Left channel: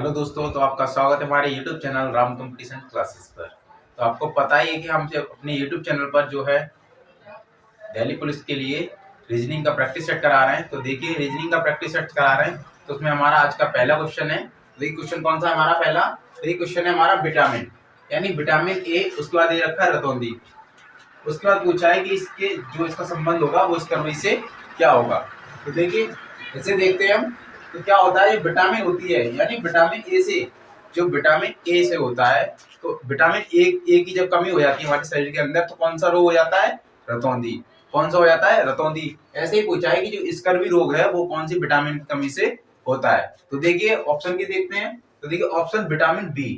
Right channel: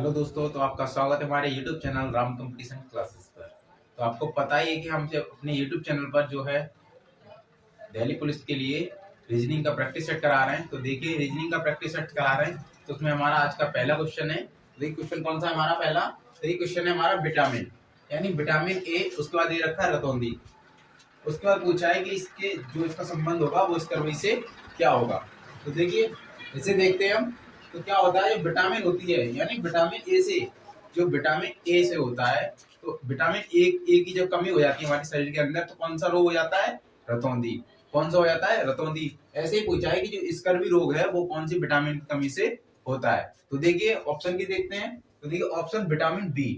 Hello दोस्तों, तो आपका स्वागत है हमारे YouTube channel Ram competition classes पर। तो आपको पता ही है कि हम अपने YouTube चैनल पर जो है दिल्ली पुलिस के लिए रीजनिंग का प्रैक्टिस सेट करा रहे हैं। तो देखिए, रीजनिंग का प्रैक्टिस सेट करा रहे हैं तो उसमें हमारा आज का पहला क्वेश्चन है। तो ये क्वेश्चन कौन सा है हमारा पहला? तो ये क्वेश्चन है हमारा विटामिन, यानी विटामिन ए। उसके बाद ये रखा है रतौंधी। उसके बाद पूछा है कि इसके जो इसका संबंध होगा वो इस कर्वी से क्या होगा। तो देखिए, इसे देखते हैं हम। तो क्या होता है, ये विटामिन होती है, यानी विटामिन ए से, जो विटामिन ए से होता है, तो विटामिन ए की जब कमी हो जाती है हमारे शरीर के अंदर तो कौन सा रोग हो जाता है? रतौंधी। कौन सा हो जाता है? रतौंधी। ऐसे ही पूछा है कि जो स्कर्वी रोग है वो कौन सी विटामिन की कमी से होता है। तो देखिए ऑप्शन की देखते हैं। तो देखिए ऑप्शन विटामिन बी,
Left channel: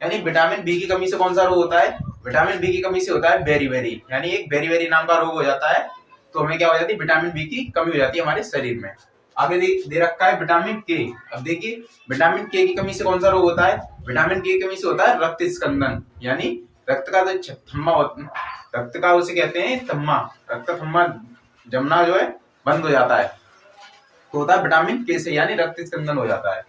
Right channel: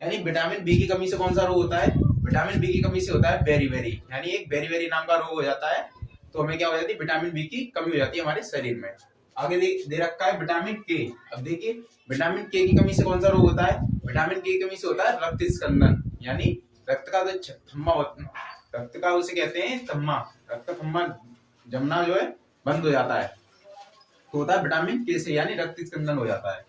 यानी विटामिन बी की कमी से कौन सा रोग होता है? विटामिन बी की कमी से होता है बेरी, यानी एक बेरी नाम का रोग हो जाता है। तो हमें क्या हो जाती है? विटामिन बी की कमी हो जाती है हमारे शरीर में। आगे दे रखा है विटामिन के। अब देखिए, विटामिन के की कमी से कौन सा रोग होता है? विटामिन के की कमी से होता है रक्त स्कंदन, यानी रक्त का जो थम्मा होता है, रक्त का उसे कहते हैं थम्मा, रक्त थम्मा जमना जो है बंद हो जाता है, तो होता है विटामिन के से, यानी रक्त स्कंदन हो जाता है।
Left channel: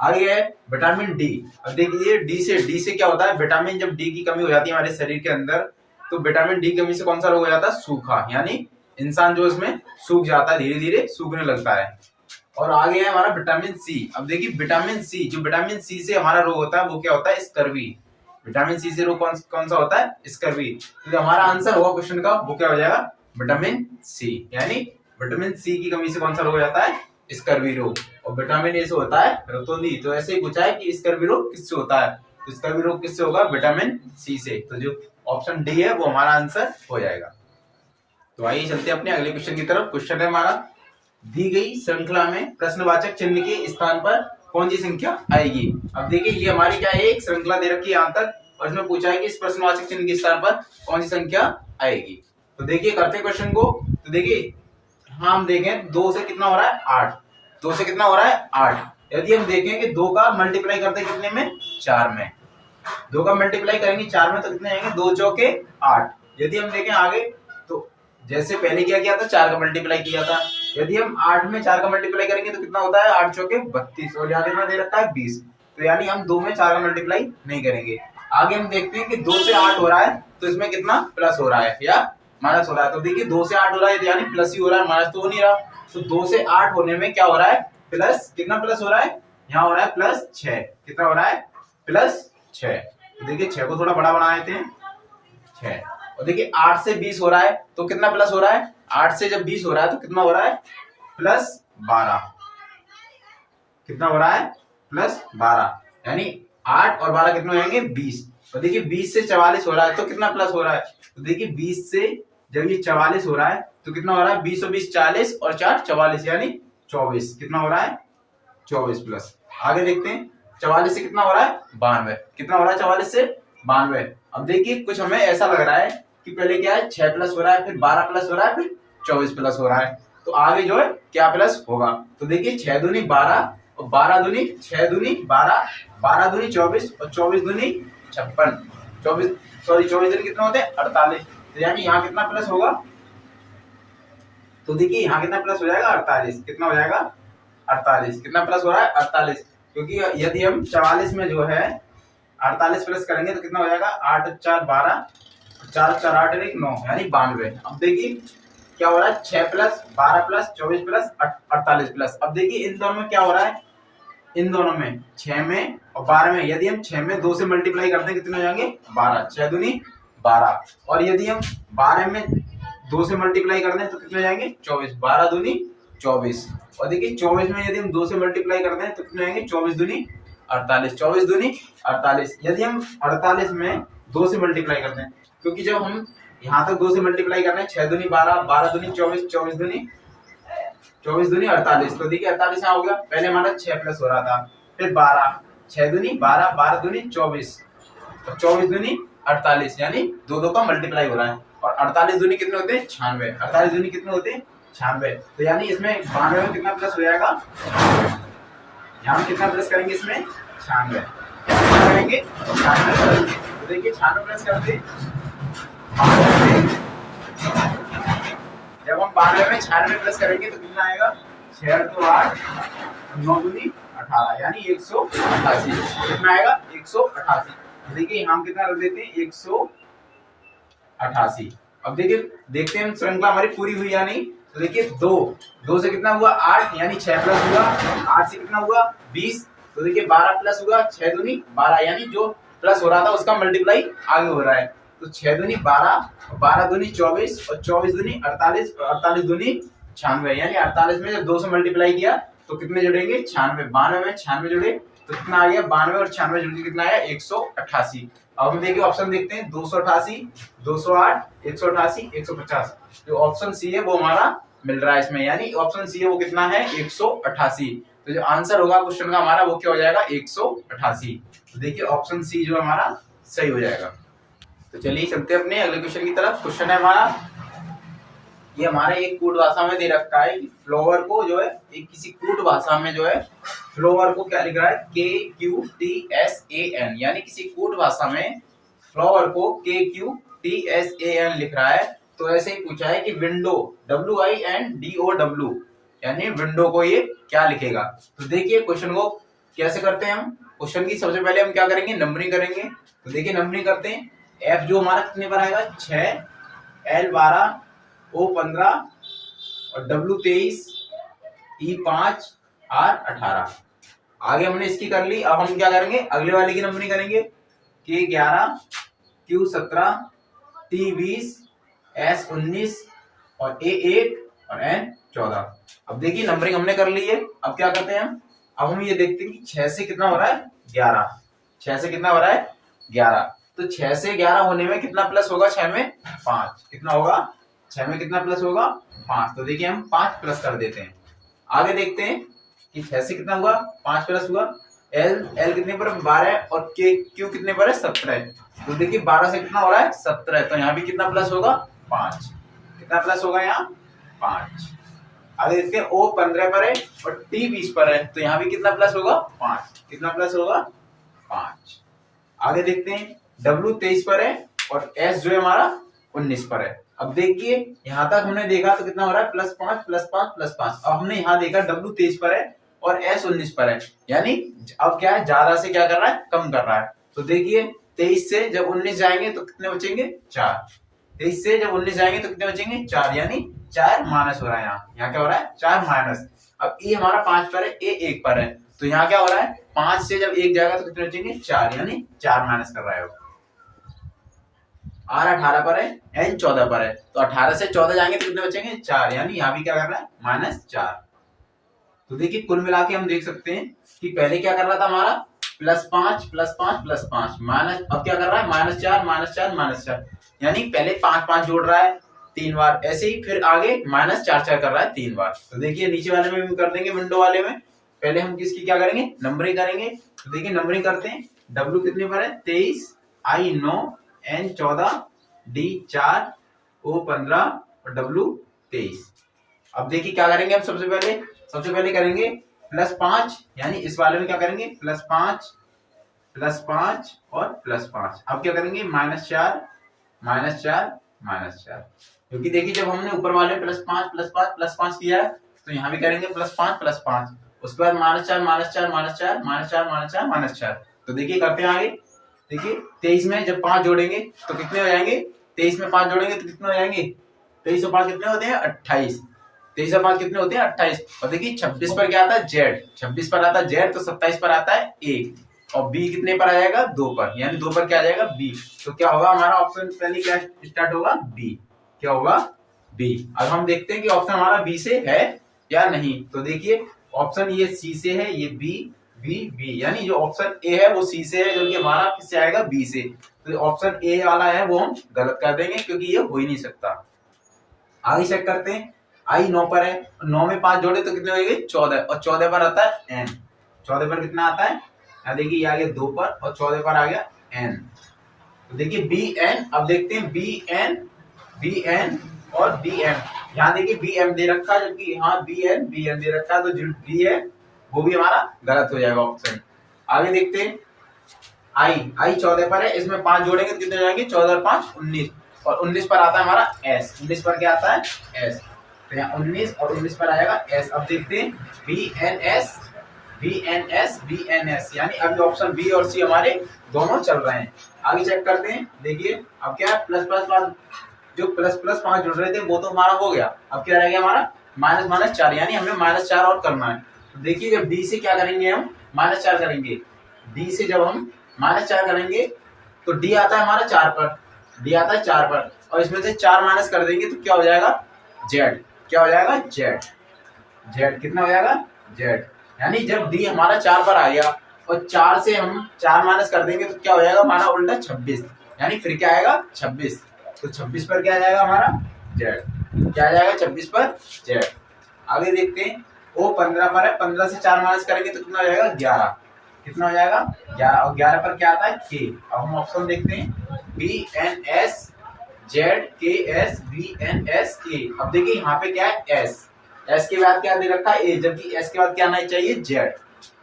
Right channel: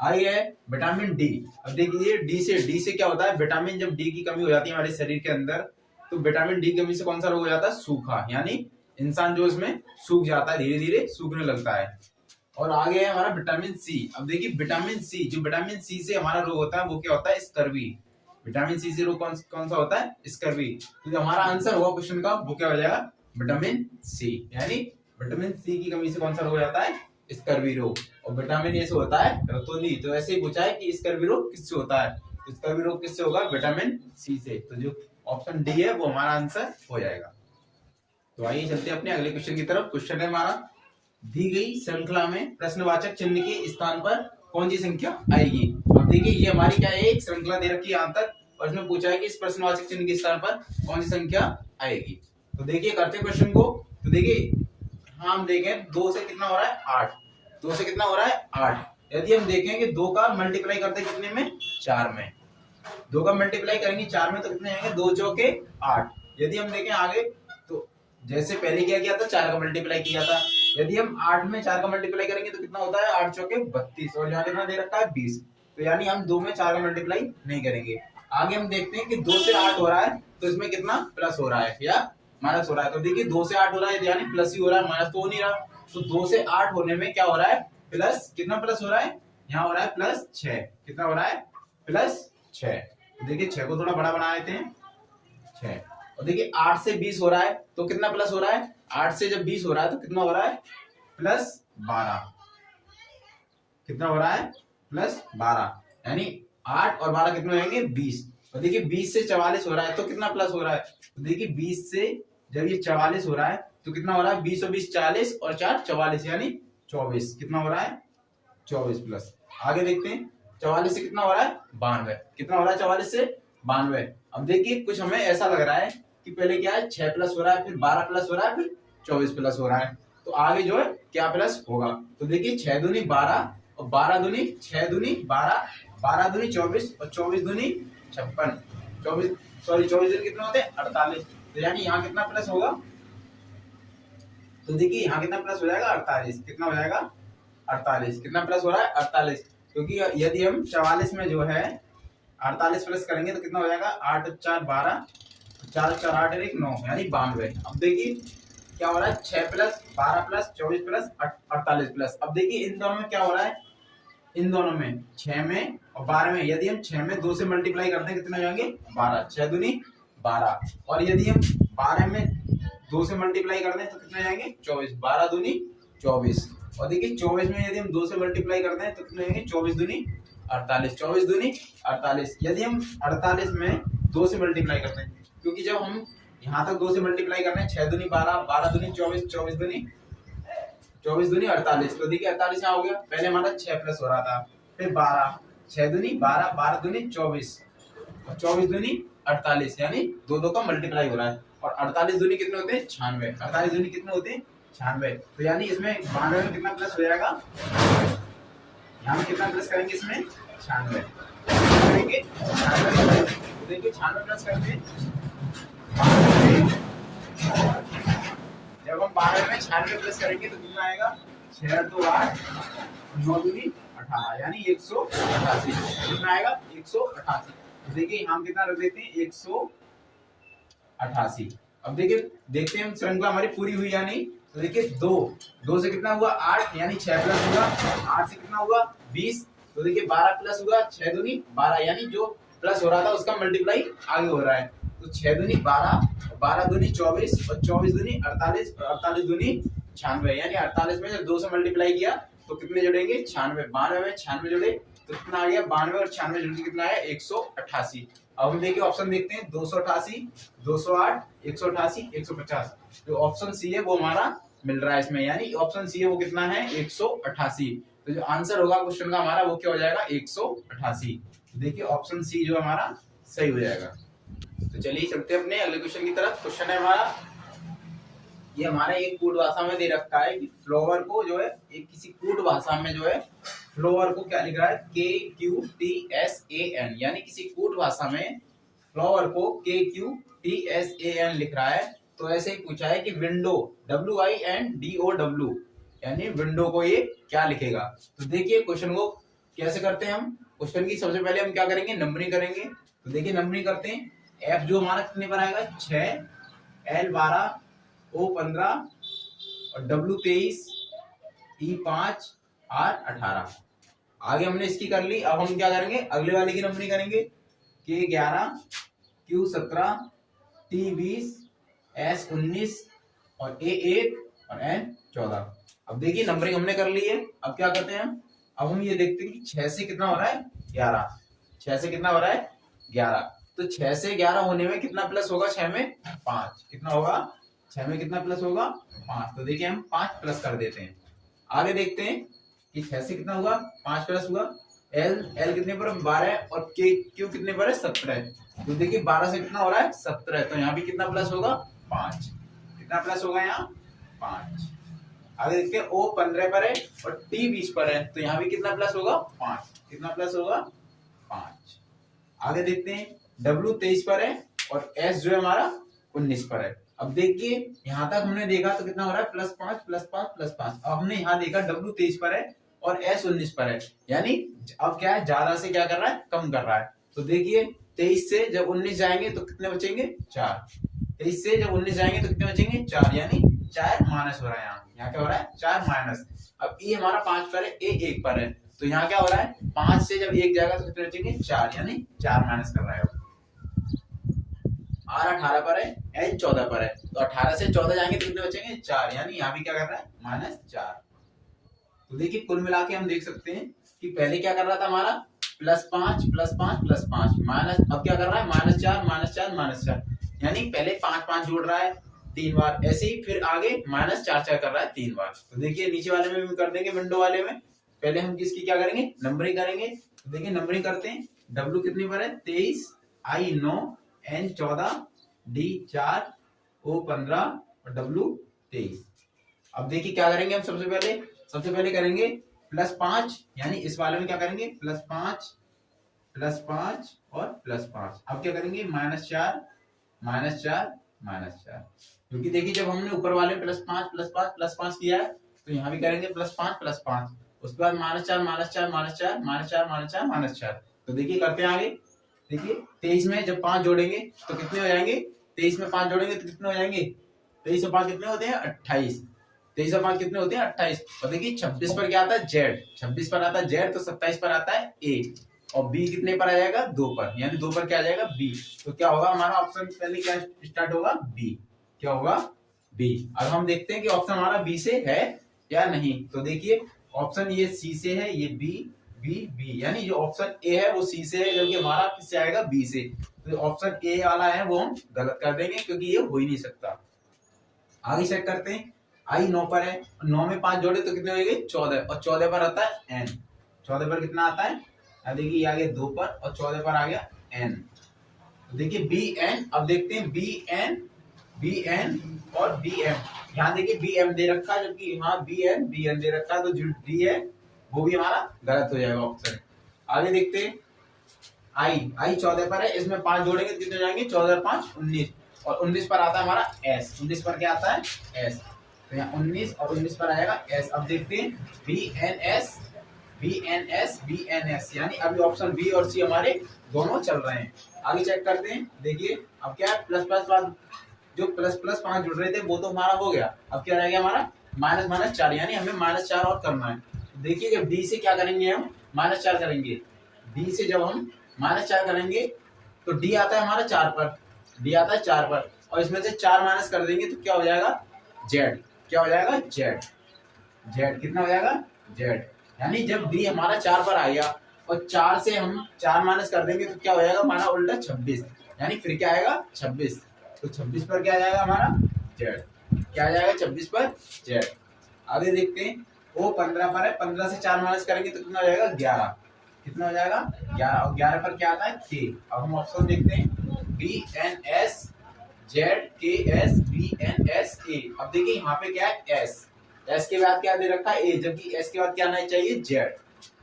आगे है विटामिन डी। अब देखिए, डी से क्या होता है? विटामिन जब डी की कमी हो जाती है हमारे शरीर के अंदर, तो विटामिन डी की कमी से कौन सा रोग हो जाता है? सूखा, यानी इंसान जो इसमें सूख जाता है, धीरे धीरे सूखने लगता है। और आगे है हमारा विटामिन सी। अब देखिए विटामिन सी, जो विटामिन सी से हमारा रोग होता है वो क्या होता है? स्कर्वी। विटामिन सी से रोग कौन सा होता है? स्कर्वी। तो हमारा आंसर होगा क्वेश्चन का वो क्या हो जाएगा? विटामिन सी, यानी विटामिन सी की कमी से कौन सा रोग हो जाता है? स्कर्वी रोग। और विटामिन ए से होता है रतौंधी। तो ऐसे ही पूछा है कि स्कर्वी रोग किससे होता है? तो स्कर्वी रोग किससे होगा? विटामिन सी से। तो जो ऑप्शन डी है वो हमारा आंसर हो जाएगा। तो आइए चलते हैं अपने अगले क्वेश्चन की तरफ। क्वेश्चन है हमारा, दी गई श्रृंखला में प्रश्नवाचक चिन्ह के स्थान पर कौन सी संख्या आएगी? अब देखिए, ये हमारी क्या है? एक श्रृंखला दे रखी है यहाँ तक, और इसमें पूछा है कि इस प्रश्नवाचक चिन्ह के स्थान पर कौन सी संख्या आएगी। तो देखिए करते हैं क्वेश्चन को। तो देखिए, हाँ हम देखें 2 से कितना हो रहा है? 8। 2 से कितना हो रहा है? 8। यदि हम देखें कि 2 का मल्टीप्लाई करते हैं कितने में? 4 में। 2 का मल्टीप्लाई करेंगे 4 में तो कितने आएंगे? 2 चौके 8। यदि हम देखें आगे, तो जैसे पहले क्या किया था? 4 का मल्टीप्लाई किया था। यदि हम 8 में 4 का मल्टीप्लाई करेंगे तो कितना होता है? 8 चौके 32, और यहाँ कितना दे रखा है? 20। तो यानी हम 2 में 4 का मल्टीप्लाई नहीं करेंगे। आगे हम देखते हैं कि 2 से 8 हो रहा है तो इसमें कितना प्लस हो रहा है या माइनस हो रहा है। तो देखिए 2 से 8 हो रहा है यानी प्लस ही हो रहा है, माइनस तो हो नहीं रहा। तो 2 से 8 होने में क्या हो रहा है? प्लस। कितना प्लस हो रहा है? यहाँ हो रहा है प्लस 6। कितना हो रहा है? प्लस 6। तो देखिए 6 को थोड़ा बड़ा बना देते हैं, 6। और देखिए 8 से 20 हो रहा है तो कितना प्लस हो रहा है? 8 से जब 20 हो रहा है तो कितना हो रहा है? प्लस 12। कितना हो रहा है? प्लस 12, यानी 8 और 12 कितने होंगे? 20। तो देखिए 20 से 44 हो रहा है तो कितना प्लस हो रहा है? तो देखिए 20 से जब ये 44 हो रहा है तो कितना हो रहा है? 20 और 20 40 और 4 44, यानी 24। कितना हो रहा है? 24 प्लस। आगे देखते हैं, 44 से कितना हो रहा है? 92। कितना हो रहा है 44 से? 92। अब देखिए कुछ हमें ऐसा लग रहा है कि पहले क्या है? 6 प्लस हो रहा है, फिर 12 प्लस हो रहा है, फिर 24 प्लस हो रहा है। तो आगे जो है क्या प्लस होगा? तो देखिए 6 दूनी 12 और 12 दूनी 6 दूनी 12, 12 दूनी 24 और 24 दूनी 56, 24 दूनी कितना होते हैं? 48। तो यानी यहाँ कितना प्लस होगा? तो देखिए यहाँ कितना प्लस हो जाएगा? 48। कितना हो जाएगा? 48। कितना प्लस हो रहा है? 48। क्योंकि यदि हम 44 में जो है 48 प्लस करेंगे तो कितना हो जाएगा? 8 4 12, 4 4 8 1 9, यानी 92। अब देखिए क्या हो रहा है? 6 प्लस 12 प्लस 24 प्लस 48 प्लस। अब देखिए इन दोनों में क्या हो रहा है? इन दोनों में 6 में और 12 में, यदि हम 6 में 2 से मल्टीप्लाई करते हैं कितने हो जाएंगे? 12। 6 दूनी 12। और यदि हम 12 में 2 से मल्टीप्लाई करते हैं तो कितने हो जाएंगे? 24। 12 दूनी 24। और देखिए 24 में यदि हम 2 से मल्टीप्लाई करते हैं तो कितने आएंगे? 24 दूनी 48। 24 दूनी 48। यदि हम 48 में 2 से मल्टीप्लाई करते हैं, क्योंकि जब हम यहाँ तक 2 से मल्टीप्लाई करना है, 6 दूनी 12, 12 दूनी 24, 24 दूनी 48। तो देखिए 48 यहाँ हो गया। पहले हमारा 6 प्लस हो रहा था, फिर 12, 6 दूनी 12, 12 दूनी 24 और 24 दूनी 48, यानी 2 का मल्टीप्लाई हो रहा है। और 48 दूनी कितने होते हैं? 96। 48 दूनी कितने होते हैं? 96। तो यानी इसमें 92 में कितना प्लस हो जाएगा? यहाँ कितना प्लस करेंगे? इसमें 96 करेंगे। तो देखिए 96 प्लस करते, जब हम 92 में 96 प्लस करेंगे तो कितना आएगा? 6 2 8, 9 दूनी 118 यानी 188। कितना आएगा 188। देखिए हम कितना रख देते हैं 188। अब देखिए देखते हैं श्रृंखला हमारी पूरी हुई या नहीं। तो देखिए 2 से कितना हुआ 8 यानी 6 प्लस हुआ, 8 से कितना हुआ 20। तो देखिए 12 प्लस हुआ 6 दूनी 12 यानी जो प्लस हो रहा था उसका मल्टीप्लाई आगे हो रहा है। तो 6 दूनी 12, 12 दूनी 24 और 24 दूनी 48 और 48 दूनी 96 यानी 48 में जब 2 से मल्टीप्लाई किया तो कितने जुड़ेंगे 96। 92 में 96 जुड़े तो कितना आ गया 92 और 96 जुड़ के कितना आया 188। अब हम देखिए ऑप्शन देखते हैं 288, 208, 188, 150। जो ऑप्शन सी है वो हमारा मिल रहा है इसमें, यानी ऑप्शन सी है वो कितना है 188। तो जो आंसर होगा क्वेश्चन का हमारा वो क्या हो जाएगा 188। तो देखिए ऑप्शन सी जो हमारा सही हो जाएगा। तो चलिए चलते हैं अपने अगले क्वेश्चन की तरफ। क्वेश्चन है हमारा, ये हमारे एक कूट भाषा में दे रखा है कि फ्लावर को जो है एक किसी कूट भाषा में जो है फ्लावर को क्या लिख रहा है KQTSAN, यानी किसी कूट भाषा में फ्लावर को KQTSAN लिख रहा है। तो ऐसे ही पूछा है कि विंडो WINDOW यानी विंडो को ये क्या लिखेगा। तो देखिए क्वेश्चन को कैसे करते हैं हम। क्वेश्चन की सबसे पहले हम क्या करेंगे नंबरिंग करेंगे। तो देखिए नंबरिंग करते हैं। F जो हमारा कितने पर आएगा 6, L 12, O 15 और W 23, E 5, R 18। आगे हमने इसकी कर ली। अब हम क्या करेंगे अगले वाले की नंबरिंग करेंगे। K 11, Q 17, T 20, S 19 और A 1 और N 14। अब देखिए नंबरिंग हमने कर ली है। अब क्या करते हैं अब हम ये देखते हैं कि 6 से कितना हो रहा है 11। 6 से कितना हो रहा है 11। तो 6 से 11 होने में कितना प्लस होगा 6 में 5। कितना होगा 6 में कितना प्लस होगा 5। तो देखिए हम 5 प्लस कर देते हैं। आगे देखते हैं कि 6 से कितना हुआ 5 प्लस हुआ। L कितने पर 12 और Q कितने पर है 17। तो देखिए 12 से कितना हो रहा है 17। तो यहाँ भी कितना प्लस होगा 5। कितना प्लस होगा यहाँ 5। आगे देखते हैं O 15 पर है और T 20 पर है। तो यहाँ भी कितना प्लस होगा 5। कितना प्लस होगा 5। आगे देखते हैं W 23 पर है और S जो है हमारा 19 पर है। अब देखिए यहाँ तक हमने देखा तो कितना हो रहा है +5 +5 +5। अब हमने यहाँ देखा W 23 पर है और S 19 पर है, यानी अब क्या है ज्यादा से क्या कर रहा है कम कर रहा है। तो देखिए 23 से जब 19 जाएंगे तो कितने बचेंगे 4। 23 से जब 19 जाएंगे तो कितने बचेंगे 4, यानी 4 माइनस हो रहा है। यहाँ क्या हो रहा है 4 माइनस। अब E हमारा 5 पर है, A 1 पर है। तो यहाँ क्या हो रहा है 5 से जब 1 जाएगा तो कितने बचेंगे 4, यानी 4 माइनस कर रहा है। R 18 पर है, N 14 पर है। तो 18 से 14 जाएंगे तो कितने बचेंगे 4, यानी यहाँ भी क्या कर रहा है -4। तो देखिए कुल मिला के हम देख सकते हैं कि पहले क्या कर रहा था हमारा +5 +5 +5 माइनस, अब क्या कर रहा है -4 -4 -4, यानी पहले 5 5 जोड़ रहा है 3 बार, ऐसे ही फिर आगे -4 4 कर रहा है 3 बार। तो देखिए नीचे वाले में भी कर देंगे, विंडो वाले में पहले हम किसकी क्या करेंगे नंबरिंग करेंगे। तो देखिए नंबरिंग करते हैं। W कितने पर है 23, I 9, N 14, D 4, O 15 और W 23। अब देखिए क्या करेंगे हम सबसे पहले करेंगे +5, यानी इस वाले में क्या करेंगे +5 +5 और +5। अब क्या करेंगे -4 -4 -4, क्योंकि देखिए जब हमने ऊपर वाले +5 +5 +5 किया है तो यहाँ भी करेंगे +5 +5, उसके बाद -4 -4 -4 -4 -4 -4। तो देखिए करते हैं आगे। देखिए 23 में जब 5 जोड़ेंगे तो कितने हो जाएंगे, 23 में 5 जोड़ेंगे तो कितने हो जाएंगे 23 और 5 कितने होते हैं 28। 23 और 5 कितने होते हैं 28। और देखिए 26 पर क्या आता है Z, 26 पर आता है Z, तो 27 पर आता है A और B कितने पर आ जाएगा 2 पर, यानी 2 पर क्या आ जाएगा B। तो क्या होगा हमारा ऑप्शन पहले क्या स्टार्ट होगा B, क्या होगा B। अब हम देखते हैं कि ऑप्शन हमारा B से है या नहीं। तो देखिए ऑप्शन ये C से है, ये B, यानी जो ऑप्शन A है वो C से है, जबकि हमारा किससे आएगा B से। तो ऑप्शन A वाला है वो हम गलत कर देंगे क्योंकि ये हो ही नहीं सकता। आगे चेक करते हैं। I 9 पर है, 9 में 5 जोड़े तो कितने हो जाएंगे 14 और 14 पर आता है N। 14 पर कितना आता है, यहाँ देखिए ये आ गया 2 पर और 14 पर आ गया N। तो देखिए BN, अब देखते हैं BN और BM। यहाँ देखिए BM दे रखा है जबकि यहाँ BN दे रखा है, तो जो B है वो भी हमारा गलत हो जाएगा ऑप्शन। आगे देखते हैं I 14 पर है, इसमें 5 जोड़ेंगे तो कितने हो जाएंगे 14 और 5 19 और 19 पर आता है हमारा S। 19 पर क्या आता है S, तो यहाँ 19 और 19 पर आएगा S। अब देखते हैं BNS VNS यानी अभी ऑप्शन बी और सी हमारे दोनों चल रहे हैं। आगे चेक करते हैं। देखिए अब क्या है, प्लस प्लस पाँच, जो प्लस प्लस 5 जुड़ रहे थे वो तो हमारा हो गया। अब क्या रह गया हमारा माइनस माइनस 4, यानी हमें माइनस 4 और करना है। तो देखिए जब डी से क्या करेंगे, हम माइनस 4 करेंगे। डी से जब हम माइनस 4 करेंगे तो डी आता है हमारा 4 पर, डी आता है 4 पर, और इसमें से 4 माइनस कर देंगे तो क्या हो जाएगा जेड। क्या हो जाएगा जेड। जेड कितना हो जाएगा जेड। यानी जब डी हमारा 4 पर आ गया और 4 से हम 4 माइनस कर देंगे तो क्या हो जाएगा हमारा उल्टा 26, यानी फिर क्या आएगा 26। तो 26 पर क्या आ जाएगा हमारा जेड। क्या आ जाएगा 26 पर जेड। आगे देखते हैं, वो 15 पर है, 15 से 4 माइनस करेंगे तो कितना हो जाएगा 11। कितना हो जाएगा 11, और 11 पर क्या आता है के। अब हम ऑप्शन देखते हैं VNS ZKS VNS A। अब देखिए यहाँ पे क्या है S, S के बाद क्या दे रखा है A, जबकि S के बाद क्या आना चाहिए Z।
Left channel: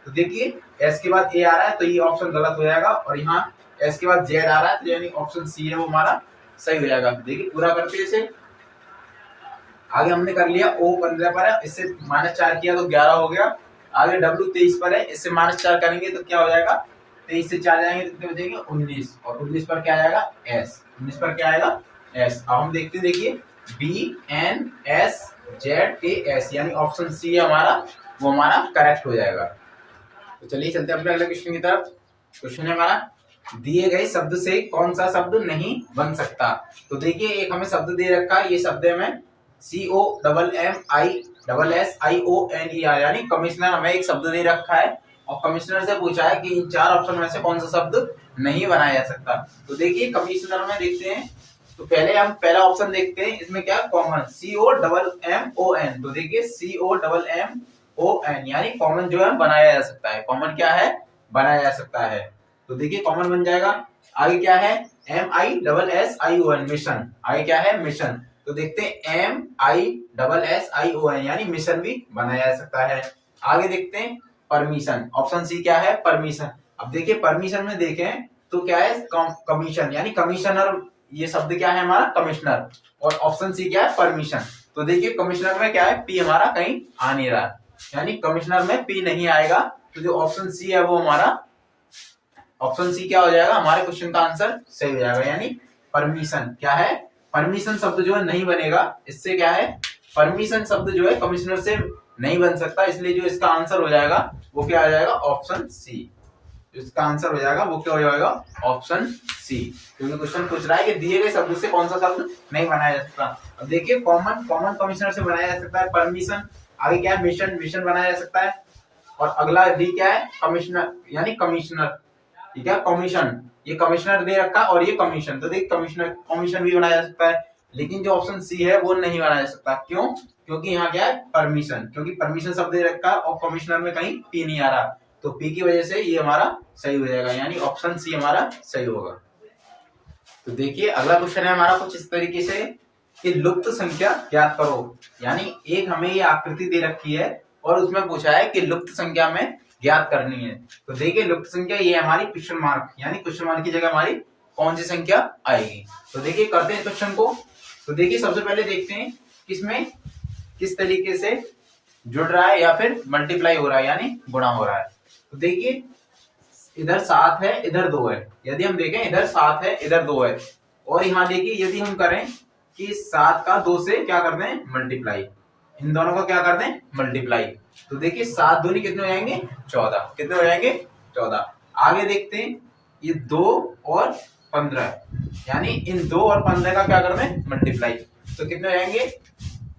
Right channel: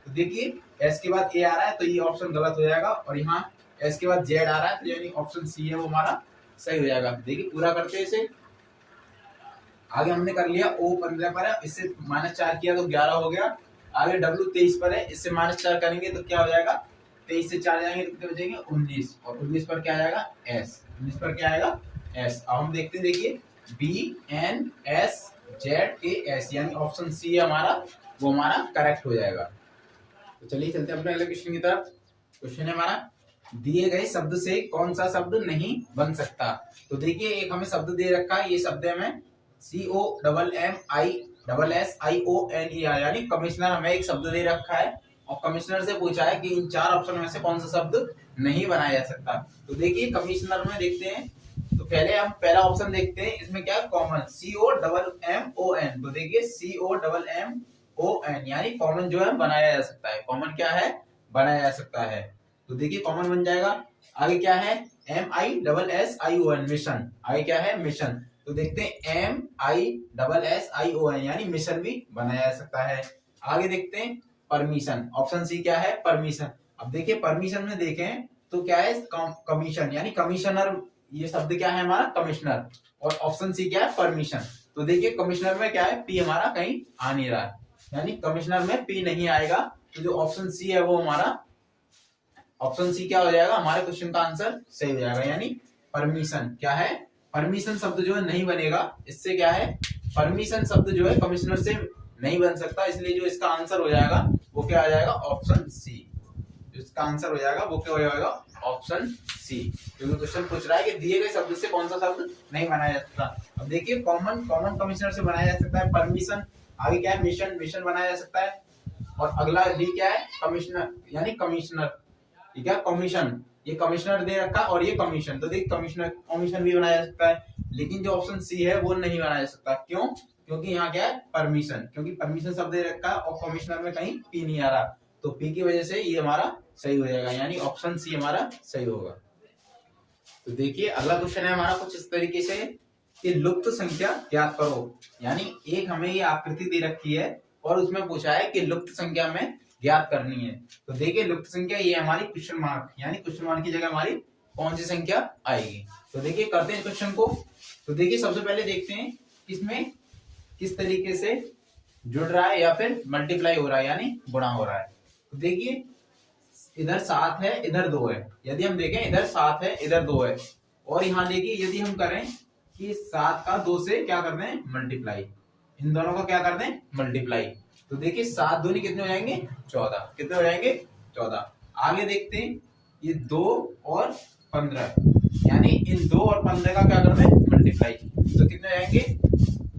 तो देखिए S के बाद A आ रहा है तो ये ऑप्शन गलत हो जाएगा, और यहाँ S के बाद Z आ रहा है तो यानी ऑप्शन सी है वो हमारा सही हो जाएगा। देखिए पूरा करते हैं इसे। आगे हमने कर लिया O 15 पर है, इससे -4 किया तो 11 हो गया। आगे W 23 पर है, इससे -4 करेंगे तो क्या हो जाएगा 23 से 4 जाएंगे तो कितने बचेंगे 19, और 19 पर क्या आएगा S। 19 पर क्या आएगा S। अब हम देखते हैं, देखिए VNS ZKS यानी ऑप्शन सी है हमारा वो हमारा करेक्ट हो जाएगा। तो चलिए चलते हैं अपने अगले क्वेश्चन की तरफ। क्वेश्चन है हमारा, दिए गए शब्द से कौन सा शब्द नहीं बन सकता। तो देखिए एक हमें शब्द दे रखा है, ये शब्द है हमें COMMISSIONER यानी कमिश्नर। हमें एक शब्द दे रखा है और कमिश्नर से पूछा है कि इन 4 ऑप्शन में से कौन सा शब्द नहीं बनाया जा सकता। तो देखिए कमिश्नर में देखते हैं, तो पहले हम पहला ऑप्शन देखते हैं, इसमें क्या कॉमन COMMON। तो देखिए COMMON यानी कॉमन जो है बनाया जा सकता है। कॉमन क्या है बनाया जा सकता है, तो देखिए कॉमन बन जाएगा। आगे क्या है MISSION मिशन। आगे क्या है मिशन, तो देखते हैं MISSION यानी मिशन भी बनाया जा सकता है। आगे देखते हैं परमिशन, ऑप्शन सी क्या है परमिशन। अब देखिए परमिशन में देखें तो क्या है कमीशन यानी कमिश्नर, ये शब्द क्या है हमारा कमिश्नर, और ऑप्शन सी क्या है परमिशन। तो देखिए कमिश्नर में क्या है पी हमारा कहीं आ नहीं रहा, यानी कमिश्नर में पी नहीं आएगा, तो जो ऑप्शन सी है वो हमारा ऑप्शन सी क्या हो जाएगा हमारे क्वेश्चन का आंसर सही हो जाएगा। यानी परमिशन क्या है, परमिशन शब्द जो है नहीं बनेगा। इससे क्या है परमिशन शब्द जो है कमिश्नर से नहीं बन सकता, इसलिए जो इसका आंसर हो जाएगा वो क्या आ जाएगा ऑप्शन सी। इसका आंसर हो जाएगा वो क्या हो जाएगा ऑप्शन सी, क्योंकि क्वेश्चन पूछ रहा है कि दिए गए शब्द से कौन सा शब्द नहीं बनाया जा सकता। अब देखिए कॉमन कमिश्नर से बनाया जा सकता है परमिशन। आगे क्या है मिशन, मिशन बनाया जा सकता है। और अगला डी क्या है कमिश्नर यानी कमिश्नर, ठीक है कमीशन, ये कमिश्नर दे रखा और ये कमीशन, तो देखिए कमिश्नर कमीशन भी बनाया जा सकता है। लेकिन जो ऑप्शन सी है वो नहीं बनाया जा सकता, क्यों, क्योंकि यहाँ क्या है परमिशन, क्योंकि परमिशन शब्द दे रखा और कमिश्नर में कहीं पी नहीं आ रहा, तो पी की वजह से ये हमारा सही हो जाएगा, यानी ऑप्शन सी हमारा सही होगा। तो देखिए अगला क्वेश्चन है हमारा कुछ इस तरीके से कि लुप्त संख्या ज्ञात करो। यानी एक हमें ये आकृति दे रखी है और उसमें पूछा है कि लुप्त संख्या में ज्ञात करनी है। तो देखिए लुप्त संख्या ये हमारी क्वेश्चन मार्क, यानी क्वेश्चन मार्क की जगह हमारी कौन सी संख्या आएगी। तो देखिए करते हैं क्वेश्चन को। तो देखिए सबसे पहले देखते हैं किसमें किस तरीके से जुड़ रहा है या फिर मल्टीप्लाई हो रहा है यानी गुणा हो रहा है। तो देखिए इधर 7 है इधर 2 है, यदि हम देखें इधर 7 है इधर 2 है, और यहाँ देखिए यदि हम करें कि 7 का 2 से क्या कर दें मल्टीप्लाई, इन दोनों का क्या कर दें मल्टीप्लाई, तो देखिए 7 दूनी कितने हो जाएंगे 14, कितने हो जाएंगे 14। आगे देखते हैं ये 2 और 15, यानी इन 2 और 15 का क्या कर दें मल्टीप्लाई, तो कितने हो जाएंगे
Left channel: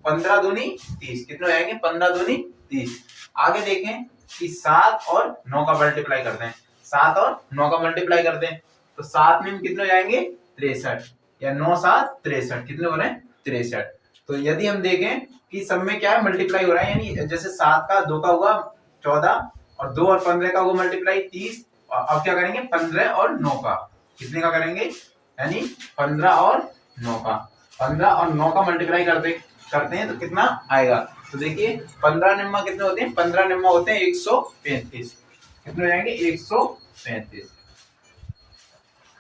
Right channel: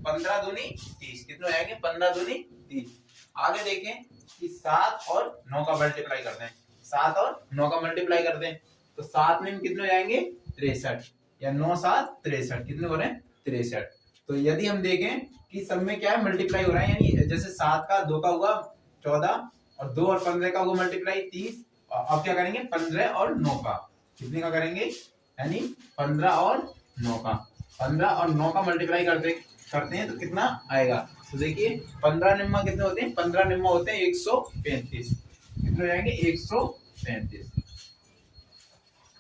15 दूनी 30, कितने हो जाएंगे 15 दूनी 30। आगे देखें कि 7 और 9 का मल्टीप्लाई करते हैं, 7 और 9 का मल्टीप्लाई करते हैं, तो 7 में कितने हो जाएंगे 63, या 9 7 63, कितने हो रहे हैं 63। तो यदि हम देखें कि सब में क्या है मल्टीप्लाई हो रहा है, यानी जैसे 7 का 2 का हुआ 14 और 2 और 15 का हुआ मल्टीप्लाई 30, और अब क्या करेंगे 15 और 9 का, कितने का करेंगे यानी 15 और 9 का, 15 और 9 का मल्टीप्लाई करते हैं तो कितना आएगा। तो देखिए 15 निम्मा कितने होते हैं, 15 निम्मा होते हैं 135, कितने हो जाएंगे 135।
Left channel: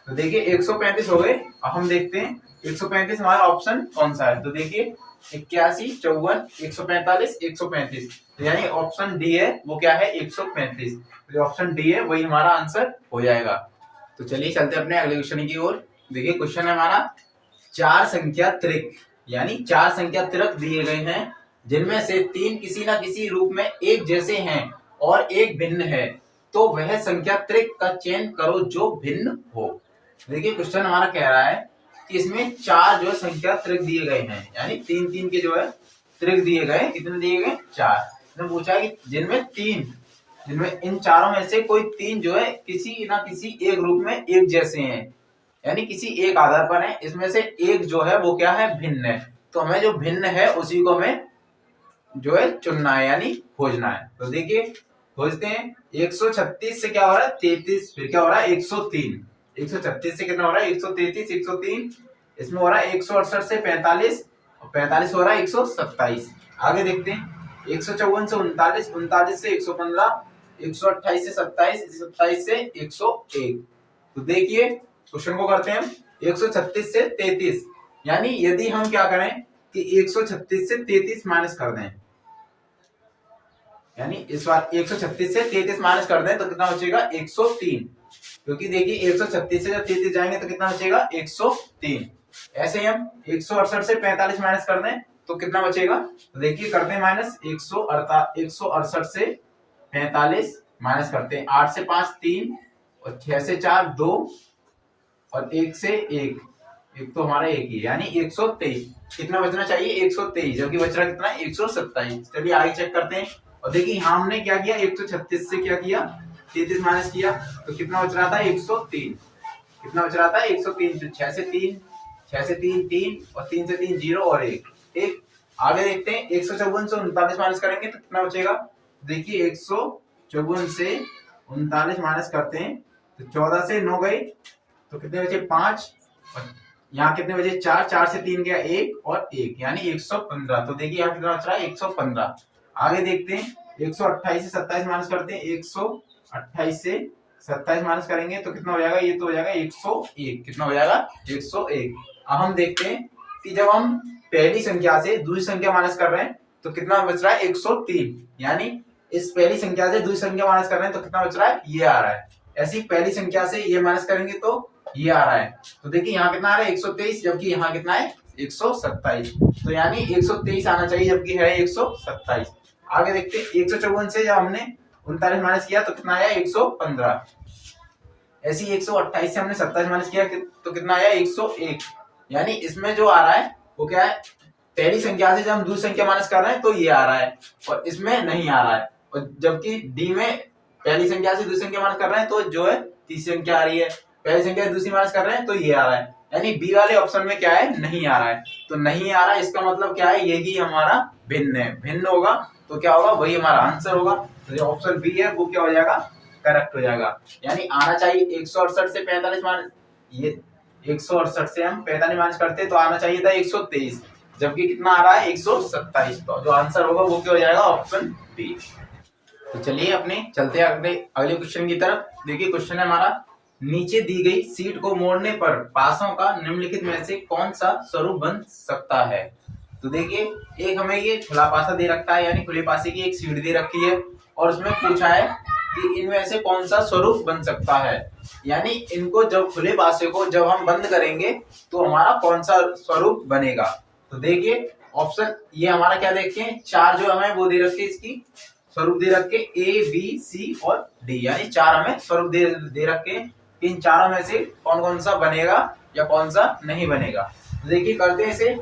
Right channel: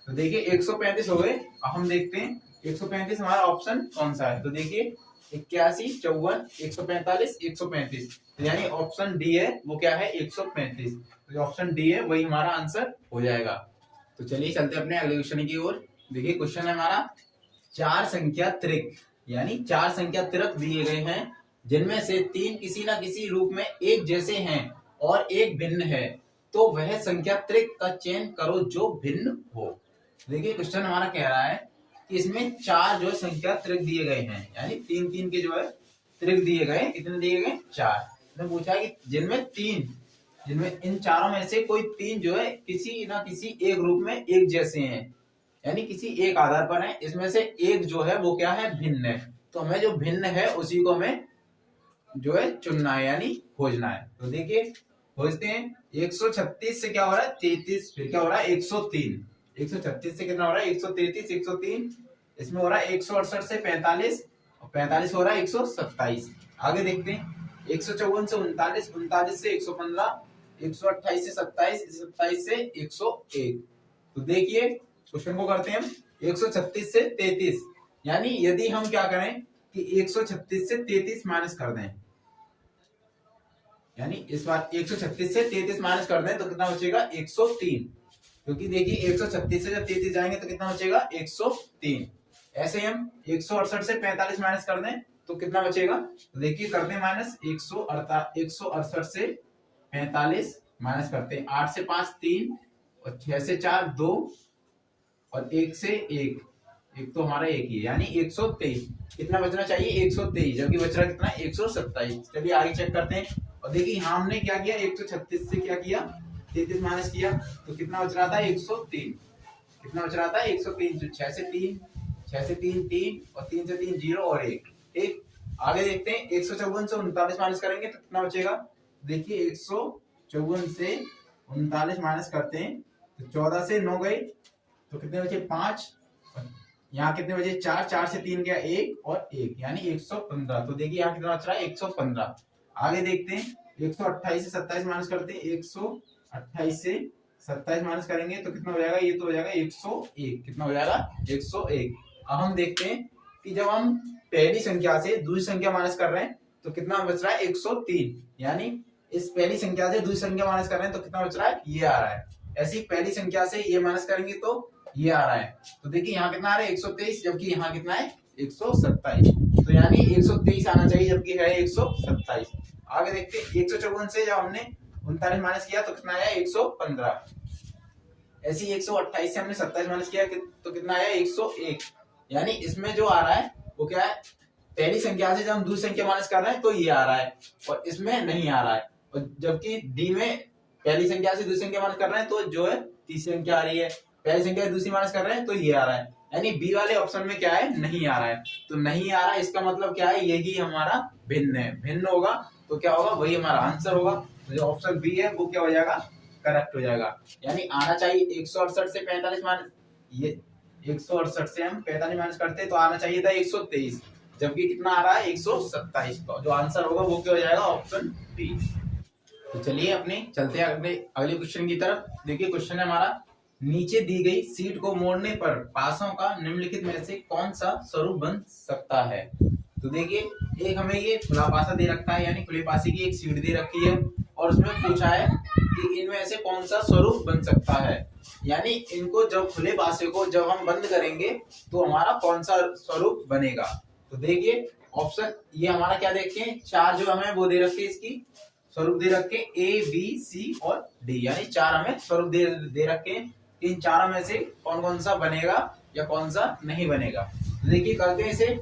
तो देखिए 135 हो गए। अब हम देखते हैं 135 हमारा ऑप्शन कौन सा है। तो देखिए 81, 54, 145, 135, यानी ऑप्शन डी है वो क्या है 135। तो ऑप्शन डी है वही हमारा आंसर हो जाएगा। तो चलिए चलते हैं अपने अगले क्वेश्चन की ओर। देखिए क्वेश्चन है हमारा, चार संख्या त्रिक, यानी चार संख्या त्रिक दिए गए हैं जिनमें से तीन किसी ना किसी रूप में एक जैसे हैं और एक भिन्न है, तो वह संख्या त्रिक का चयन करो जो भिन्न हो। देखिए क्वेश्चन हमारा कह रहा है कि इसमें चार जो है संख्या त्रिक दिए गए हैं, यानी तीन तीन के जो है त्रिक दिए गए। कितने दिए गए? चार। इसमें पूछा है कि जिनमें इन चारों में से कोई तीन जो है किसी ना किसी एक रूप में एक जैसे हैं, यानी किसी एक आधार पर है। इसमें से एक जो है वो क्या है? भिन्न है। तो हमें जो भिन्न है उसी को हमें जो है चुनना है, यानी खोजना है। तो देखिए खोजते हैं। 136 से क्या हो रहा है? 33। फिर क्या हो रहा है? 103। 136 से कितना हो रहा है? 133, 103। इसमें हो रहा है 168 से 45, और 45 हो रहा है 127। आगे देखते हैं। 154 से 39, 39 से 115, 128 से 27, 27 से 101। तो देखिए क्वेश्चन को करते हैं। 136 से 33, यानी यदि हम क्या करें कि 136 से 33 माइनस कर दें, यानी इस बार 136 से 33 माइनस कर दें तो कितना बचेगा? 103। क्योंकि देखिए 136 से जब 33 जाएंगे तो कितना बचेगा? 103। ऐसे ही हम 168 से 45 माइनस कर दें तो कितना बचेगा? तो देखिए करते हैं माइनस। 168 से 45 माइनस करते हैं। 8 से 5 3, और 6 से 4 2, और 1 से 1, एक तो हमारा एक ही है, यानी 123। कितना बचना चाहिए? 123, जो कि बच रहा कितना? 127। चलिए आगे चेक करते हैं। और देखिए यहाँ हमने क्या किया? 136 से क्या किया? 33 माइनस किया, तो कितना बच रहा था? 103। कितना बच रहा था? 103। तो 6 से 3 3, और 3 से 3 0, और 1। आगे देखते हैं। 154 से 39 माइनस करेंगे तो कितना बचेगा? देखिए 154 से 39 माइनस करते हैं तो 14 से 9 गए तो कितने बचे? 5, और यहाँ कितने बचे? 4, 4 से 3 गया 1, और 1, यानी 115। तो देखिए यहाँ कितना बच रहा है? 115। आगे देखते हैं। 128 से 27 माइनस करते हैं। 128 से 27 माइनस करेंगे तो कितना हो जाएगा? ये तो हो जाएगा 101। कितना हो जाएगा? 101। अब हम देखते हैं कि जब हम पहली संख्या से दूसरी संख्या माइनस कर रहे हैं तो कितना बच रहा है? 103। यानी इस पहली संख्या से दूसरी संख्या माइनस कर रहे हैं तो कितना बच रहा है? ये आ रहा है। ऐसी पहली संख्या से ये माइनस करेंगे तो ये आ रहा है। तो देखिए यहाँ कितना आ रहा है? 123, जबकि यहाँ कितना है? 127। तो यानी 123 आना चाहिए, जबकि है 127। आगे देखते हैं। 154 से जब हमने 39 माइनस किया तो कितना आया? 115। ऐसे ही 128 से हमने 27 माइनस किया तो कितना आया? 101। यानी इसमें जो आ रहा है वो क्या है? पहली संख्या से जब हम दूसरी संख्या माइनस कर रहे हैं तो ये आ रहा है, और इसमें नहीं आ रहा है। और जबकि डी में पहली संख्या से दूसरी संख्या माइनस कर रहे हैं तो जो है तीसरी संख्या आ रही है, पहली संख्या से दूसरी माइनस कर रहे हैं तो ये आ रहा है। यानी बी वाले ऑप्शन में क्या है? नहीं आ रहा है। तो नहीं आ रहा है, इसका मतलब क्या है? यही हमारा भिन्न है। भिन्न होगा तो क्या होगा? वही हमारा आंसर होगा। तो जो ऑप्शन बी है वो क्या हो जाएगा? करेक्ट हो जाएगा। यानी आना चाहिए 168 से 45 माइनस, ये 168 से हम 45 माइनस करते तो आना चाहिए था 123, जबकि कितना आ रहा है? 127। तो जो आंसर होगा वो क्या हो जाएगा? Option D. तो चलिए अपने चलते हैं अगले क्वेश्चन की तरफ। देखिए क्वेश्चन है हमारा, नीचे दी गई सीट को मोड़ने पर पासों का निम्नलिखित में से कौन सा स्वरूप बन सकता है? तो देखिए एक हमें ये खुला पासा दे रखा है, यानी खुले पासे की एक सीट दे रखी है, और उसमें पूछा है कि इनमें से कौन सा स्वरूप बन सकता है। यानी इनको जब खुले पासे को जब हम बंद करेंगे तो हमारा कौन सा स्वरूप बनेगा। तो देखिए ऑप्शन ये हमारा क्या देखते हैं? चार जो हमें वो दे रखे, इसकी स्वरूप दे रखे ए बी सी और डी, यानी चार हमें स्वरूप दे रखे। इन चारों में से कौन कौन सा बनेगा या कौन सा नहीं बनेगा। देखिए करते हैं इसे।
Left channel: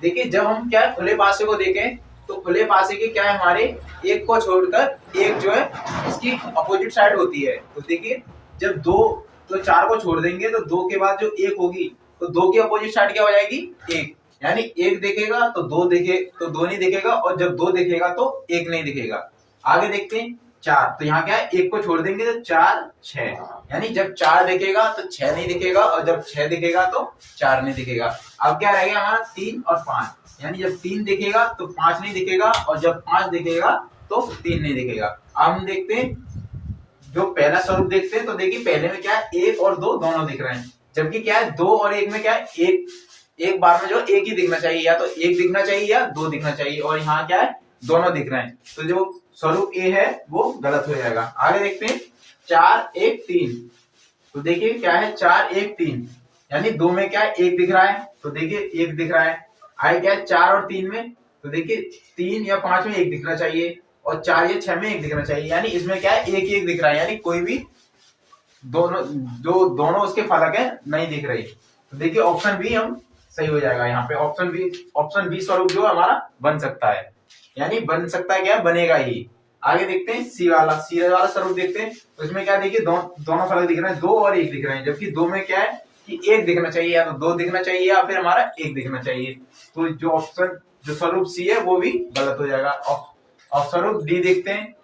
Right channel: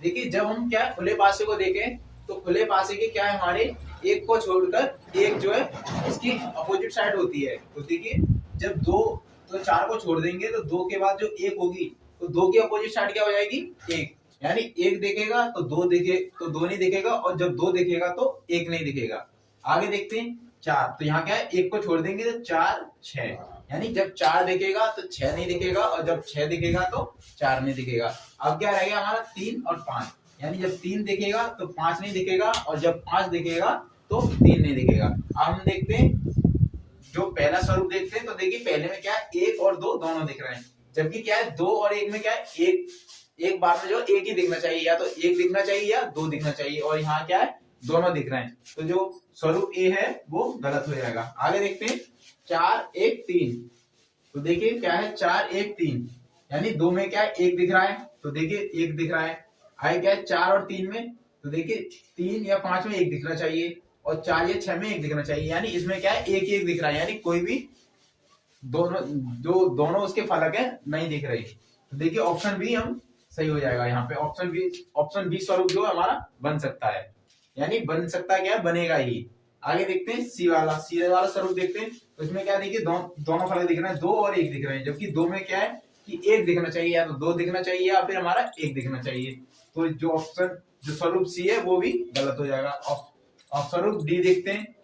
देखिए जब हम क्या है खुले पासे को देखें तो खुले पासे की क्या है? हमारे एक को छोड़कर एक जो है इसकी अपोजिट साइड होती है। तो देखिए जब दो, तो चार को छोड़ देंगे तो दो के बाद जो एक होगी तो दो की अपोजिट साइड क्या हो जाएगी? एक। यानी एक देखेगा तो दो दो नहीं दिखेगा, और जब दो दिखेगा तो एक नहीं दिखेगा। आगे देखते हैं चार, तो यहाँ क्या है? एक को छोड़ देंगे तो 4 6, यानी जब 4 दिखेगा तो 6 नहीं दिखेगा, और जब 6 दिखेगा तो 4 नहीं दिखेगा। अब क्या रह गया हमारा? 3 और 5, यानी जब 3 दिखेगा तो 5 नहीं दिखेगा, और जब 5 दिखेगा तो 3 नहीं दिखेगा। अब हम देखते हैं जो पहला स्वरूप देखते हैं। तो देखिए पहले में क्या है? 1 और 2 दोनों दिख रहे हैं, जबकि क्या है? 2 और 1 में क्या है? एक बार में जो एक ही दिखना चाहिए, या तो एक दिखना चाहिए या दो दिखना चाहिए, और यहाँ क्या है दोनों दिख रहे हैं, तो जो स्वरूप ए है वो गलत हो जाएगा। आगे देखते हैं 4 1 3। तो देखिए क्या है 4 1 3, यानी दो में क्या है एक दिख रहा है, तो देखिए एक दिख रहा है। आगे क्या है 4 और 3 में, तो देखिए 3 या 5 में एक दिखना चाहिए, और 4 या 6 में एक दिखना चाहिए, यानी इसमें क्या है एक ही एक दिख रहा है, यानी कोई भी दोनों उसके फलक है नहीं दिख रहे। तो देखिए ऑप्शन बी हम सही हो जाएगा यहाँ पे। ऑप्शन बी स्वरूप जो हमारा बन सकता है, यानी बन सकता है क्या बनेगा ही। आगे देखते हैं सी वाला स्वरूप देखते हैं। तो इसमें क्या देखिए दोनों फलक दिख रहे हैं, दो और एक दिख रहे हैं, जबकि दो में क्या है कि एक दिखना चाहिए, या तो दो दिखना चाहिए या फिर हमारा एक दिखना चाहिए। तो जो स्वरूप सी है वो भी गलत हो जाएगा। और स्वरूप डी देखते हैं।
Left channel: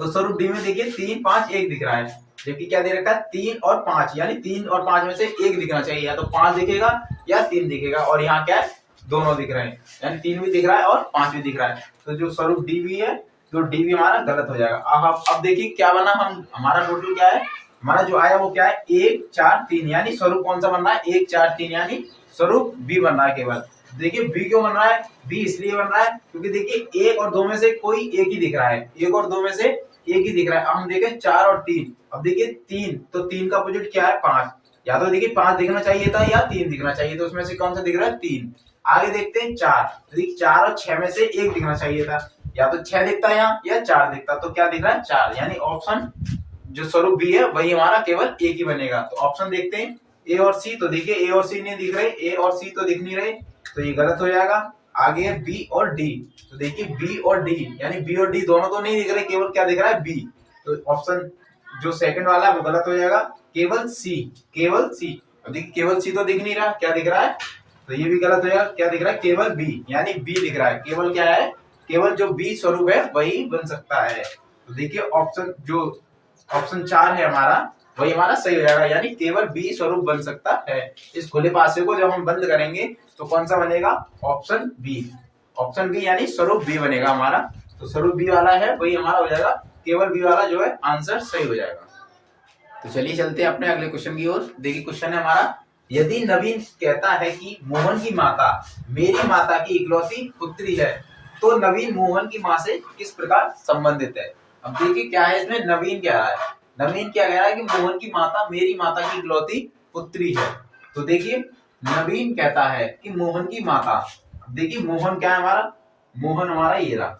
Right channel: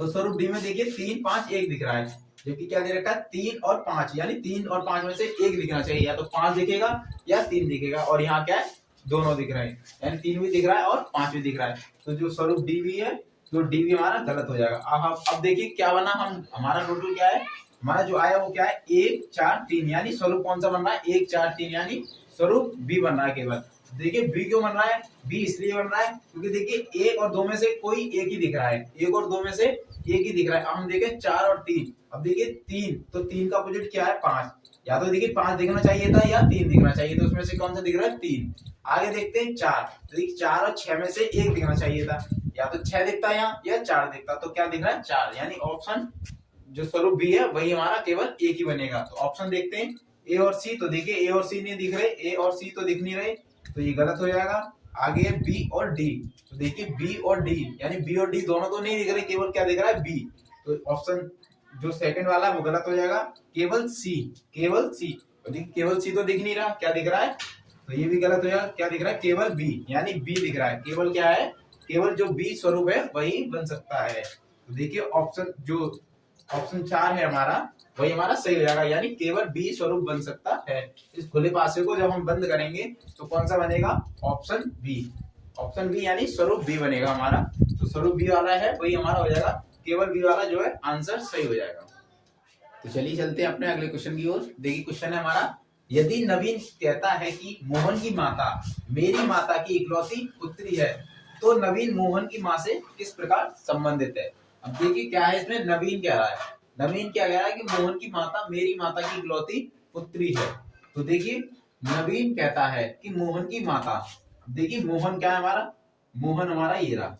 तो स्वरूप डी में देखिए 3 5 1 दिख रहा है, जबकि क्या दे रखा है 3 और 5, यानी 3 और 5 में से एक दिखना चाहिए, या तो 5 दिखेगा या 3 दिखेगा, और यहाँ क्या है दोनों दिख रहे हैं, यानी 3 भी दिख रहा है और 5 भी दिख रहा है। तो जो स्वरूप डी भी है, तो डी भी हमारा गलत हो जाएगा। अब देखिए क्या बना, हमारा टोटल क्या है, हमारा जो आया वो क्या है 1 4 3, यानी स्वरूप कौन सा बन रहा है 1 4 3, यानी स्वरूप बी बन रहा है केवल। देखिए बी क्यों बन रहा है, बी इसलिए बन रहा है क्योंकि देखिए 1 और 2 में से कोई एक ही दिख रहा है, 1 और 2 में से एक ही दिख रहा है। अब हम देखें 4 और 3, अब देखिए 3, तो 3 का अपोजिट क्या है 5, या तो देखिए 5 दिखना चाहिए था या 3 दिखना चाहिए, तो उसमें से कौन सा दिख रहा है 3। आगे देखते हैं 4, तो देखिए 4 और 6 में से एक दिखना चाहिए था, या तो 6 दिखता है यहाँ या 4 दिखता, तो क्या दिख रहा है 4, यानी ऑप्शन जो स्वरूप बी है वही हमारा केवल एक ही बनेगा। तो ऑप्शन देखते हैं ए और सी। तो देखिए ए और सी नहीं दिख रहे, ए और सी तो दिख नहीं रहे, तो ये गलत हो जाएगा। आगे है बी और डी। तो देखिए बी और डी, यानी बी और डी दोनों तो नहीं दिख रहे, केवल क्या दिख रहा है बी। तो ऑप्शन जो सेकंड वाला है वो गलत हो जाएगा। केवल सी, केवल सी। अब देखिए केवल सी तो दिख नहीं रहा, क्या दिख रहा है, तो ये भी गलत हो जाएगा। क्या दिख रहा है केवल बी, यानी बी दिख रहा है, केवल क्या है केवल जो बी स्वरूप है वही बन सकता है। तो देखिए ऑप्शन 4 है हमारा, वही हमारा सही हो जाएगा, यानी केवल बी स्वरूप बन सकता है। इस खुले पासे को जब हम बंद करेंगे तो कौन सा बनेगा, ऑप्शन बी। ऑप्शन बी यानी स्वरूप बी बनेगा हमारा। तो स्वरूप बी वाला है वही हमारा हो जाएगा, केवल बी वाला जो है आंसर सही हो जाएगा। तो चलिए चलते हैं अपने अगले क्वेश्चन की ओर। देखिए क्वेश्चन है हमारा, यदि नवीन कहता है कि मोहन की माता मेरी माता की इकलौती पुत्री है, तो नवीन मोहन की माँ से किस प्रकार संबंधित है। अब देखिए क्या है इसमें, नवीन कह रहा है, नवीन क्या कह रहा है कि मोहन की माता मेरी माता की इकलौती पुत्री है। तो देखिए नवीन कहता है कि मोहन की माता, देखिए मोहन क्या है हमारा, मोहन हमारा ये रहा,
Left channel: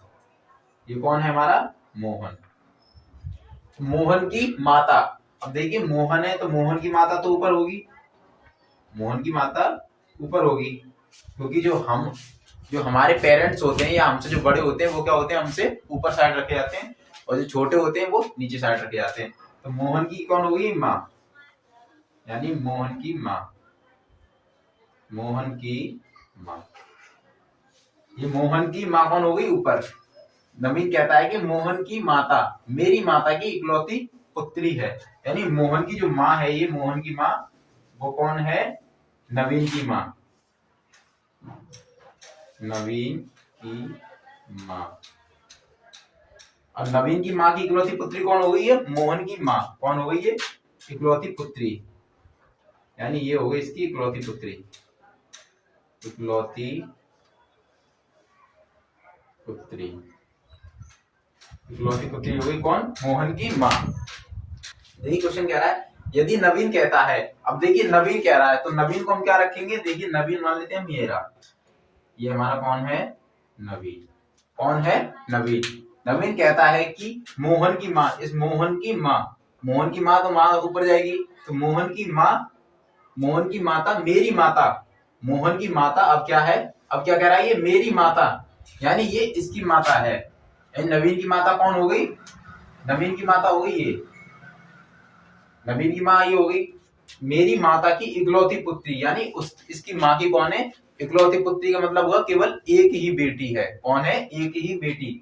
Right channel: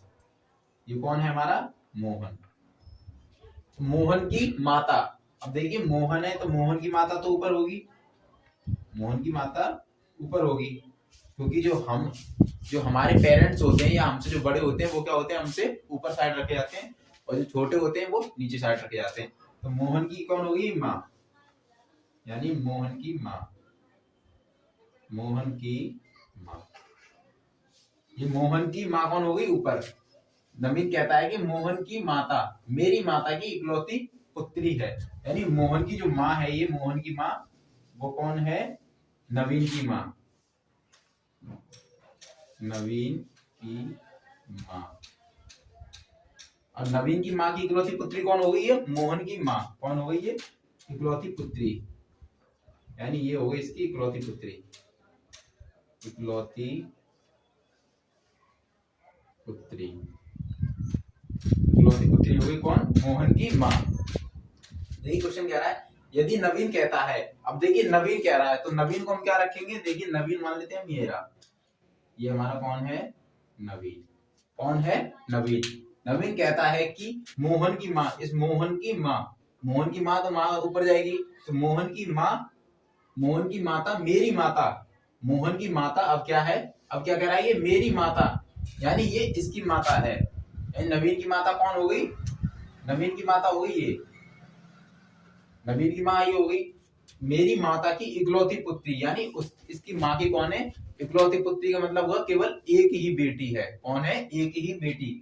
ये कौन है हमारा मोहन, मोहन की माता। अब देखिए मोहन है तो मोहन की माता तो ऊपर होगी, मोहन की माता ऊपर होगी, क्योंकि जो हमारे पेरेंट्स होते हैं या हमसे जो बड़े होते हैं वो क्या होते हैं, हमसे ऊपर साइड रखे जाते हैं, और जो छोटे होते हैं वो नीचे साइड रखे जाते हैं। तो मोहन की कौन होगी माँ, यानी मोहन की माँ, मोहन की माँ, ये मोहन की माँ कौन होगी ऊपर। नवीन कहता है कि मोहन की माता मेरी माता की इकलौती पुत्री है, यानी मोहन की जो माँ है, ये मोहन की माँ वो कौन है, नवीन की माँ, नवीन की माँ। अब नवीन की माँ की इकलौती पुत्री कौन हो गई है, मोहन की माँ कौन हो गई है, इकलौती पुत्री, यानी ये हो गई इसकी इकलौती पुत्री, इकलौती पुत्री, इकलौती पुत्री हो गई कौन, मोहन की माँ। देखिए क्वेश्चन कह रहा है, यदि नवीन कहता है, अब देखिए नवीन कह रहा है तो नवीन को हम क्या रखेंगे, देखिए नवीन मान लेते हैं मेरा, ये हमारा कौन है नवीन, कौन है नवीन। नवीन कहता है कि मोहन की माँ, इस मोहन की माँ, मोहन की माँ तो माँ ऊपर जाएगी, तो मोहन की माँ, मोहन की माता मेरी माता, मोहन की माता अब क्या है, अब क्या कह रहा है ये मेरी माता, यानी ये इसकी माता है, यानी नवीन की माता कौन हो गई, नवीन की माता हो गई ये, नवीन की माँ ये हो गई मेरी माता की इकलौती पुत्री, यानी इसकी माँ की कौन है, इकलौती पुत्री का मतलब हुआ केवल एक ही बेटी है, कौन है, एक ही बेटी।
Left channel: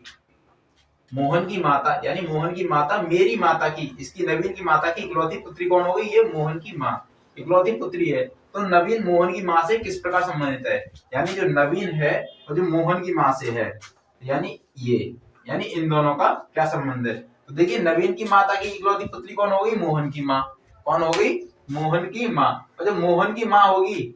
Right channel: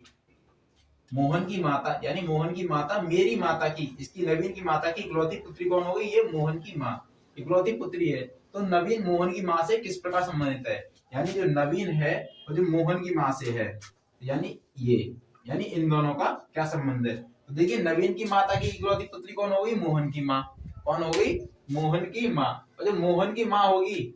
मोहन की माता यानी मोहन की माता मेरी माता की, इसकी नवीन की माता की इकलौती पुत्री कौन हो गई, ये मोहन की माँ इकलौती पुत्री है। तो नवीन मोहन की माँ से किस प्रकार संबंधित है, यानी जो नवीन है और जो मोहन की माँ से है, यानी ये, यानी इन दोनों का क्या संबंध है। तो देखिए नवीन की माता की इकलौती पुत्री कौन हो गई, मोहन की माँ, कौन हो गई, मोहन की माँ। और जो मोहन की माँ होगी,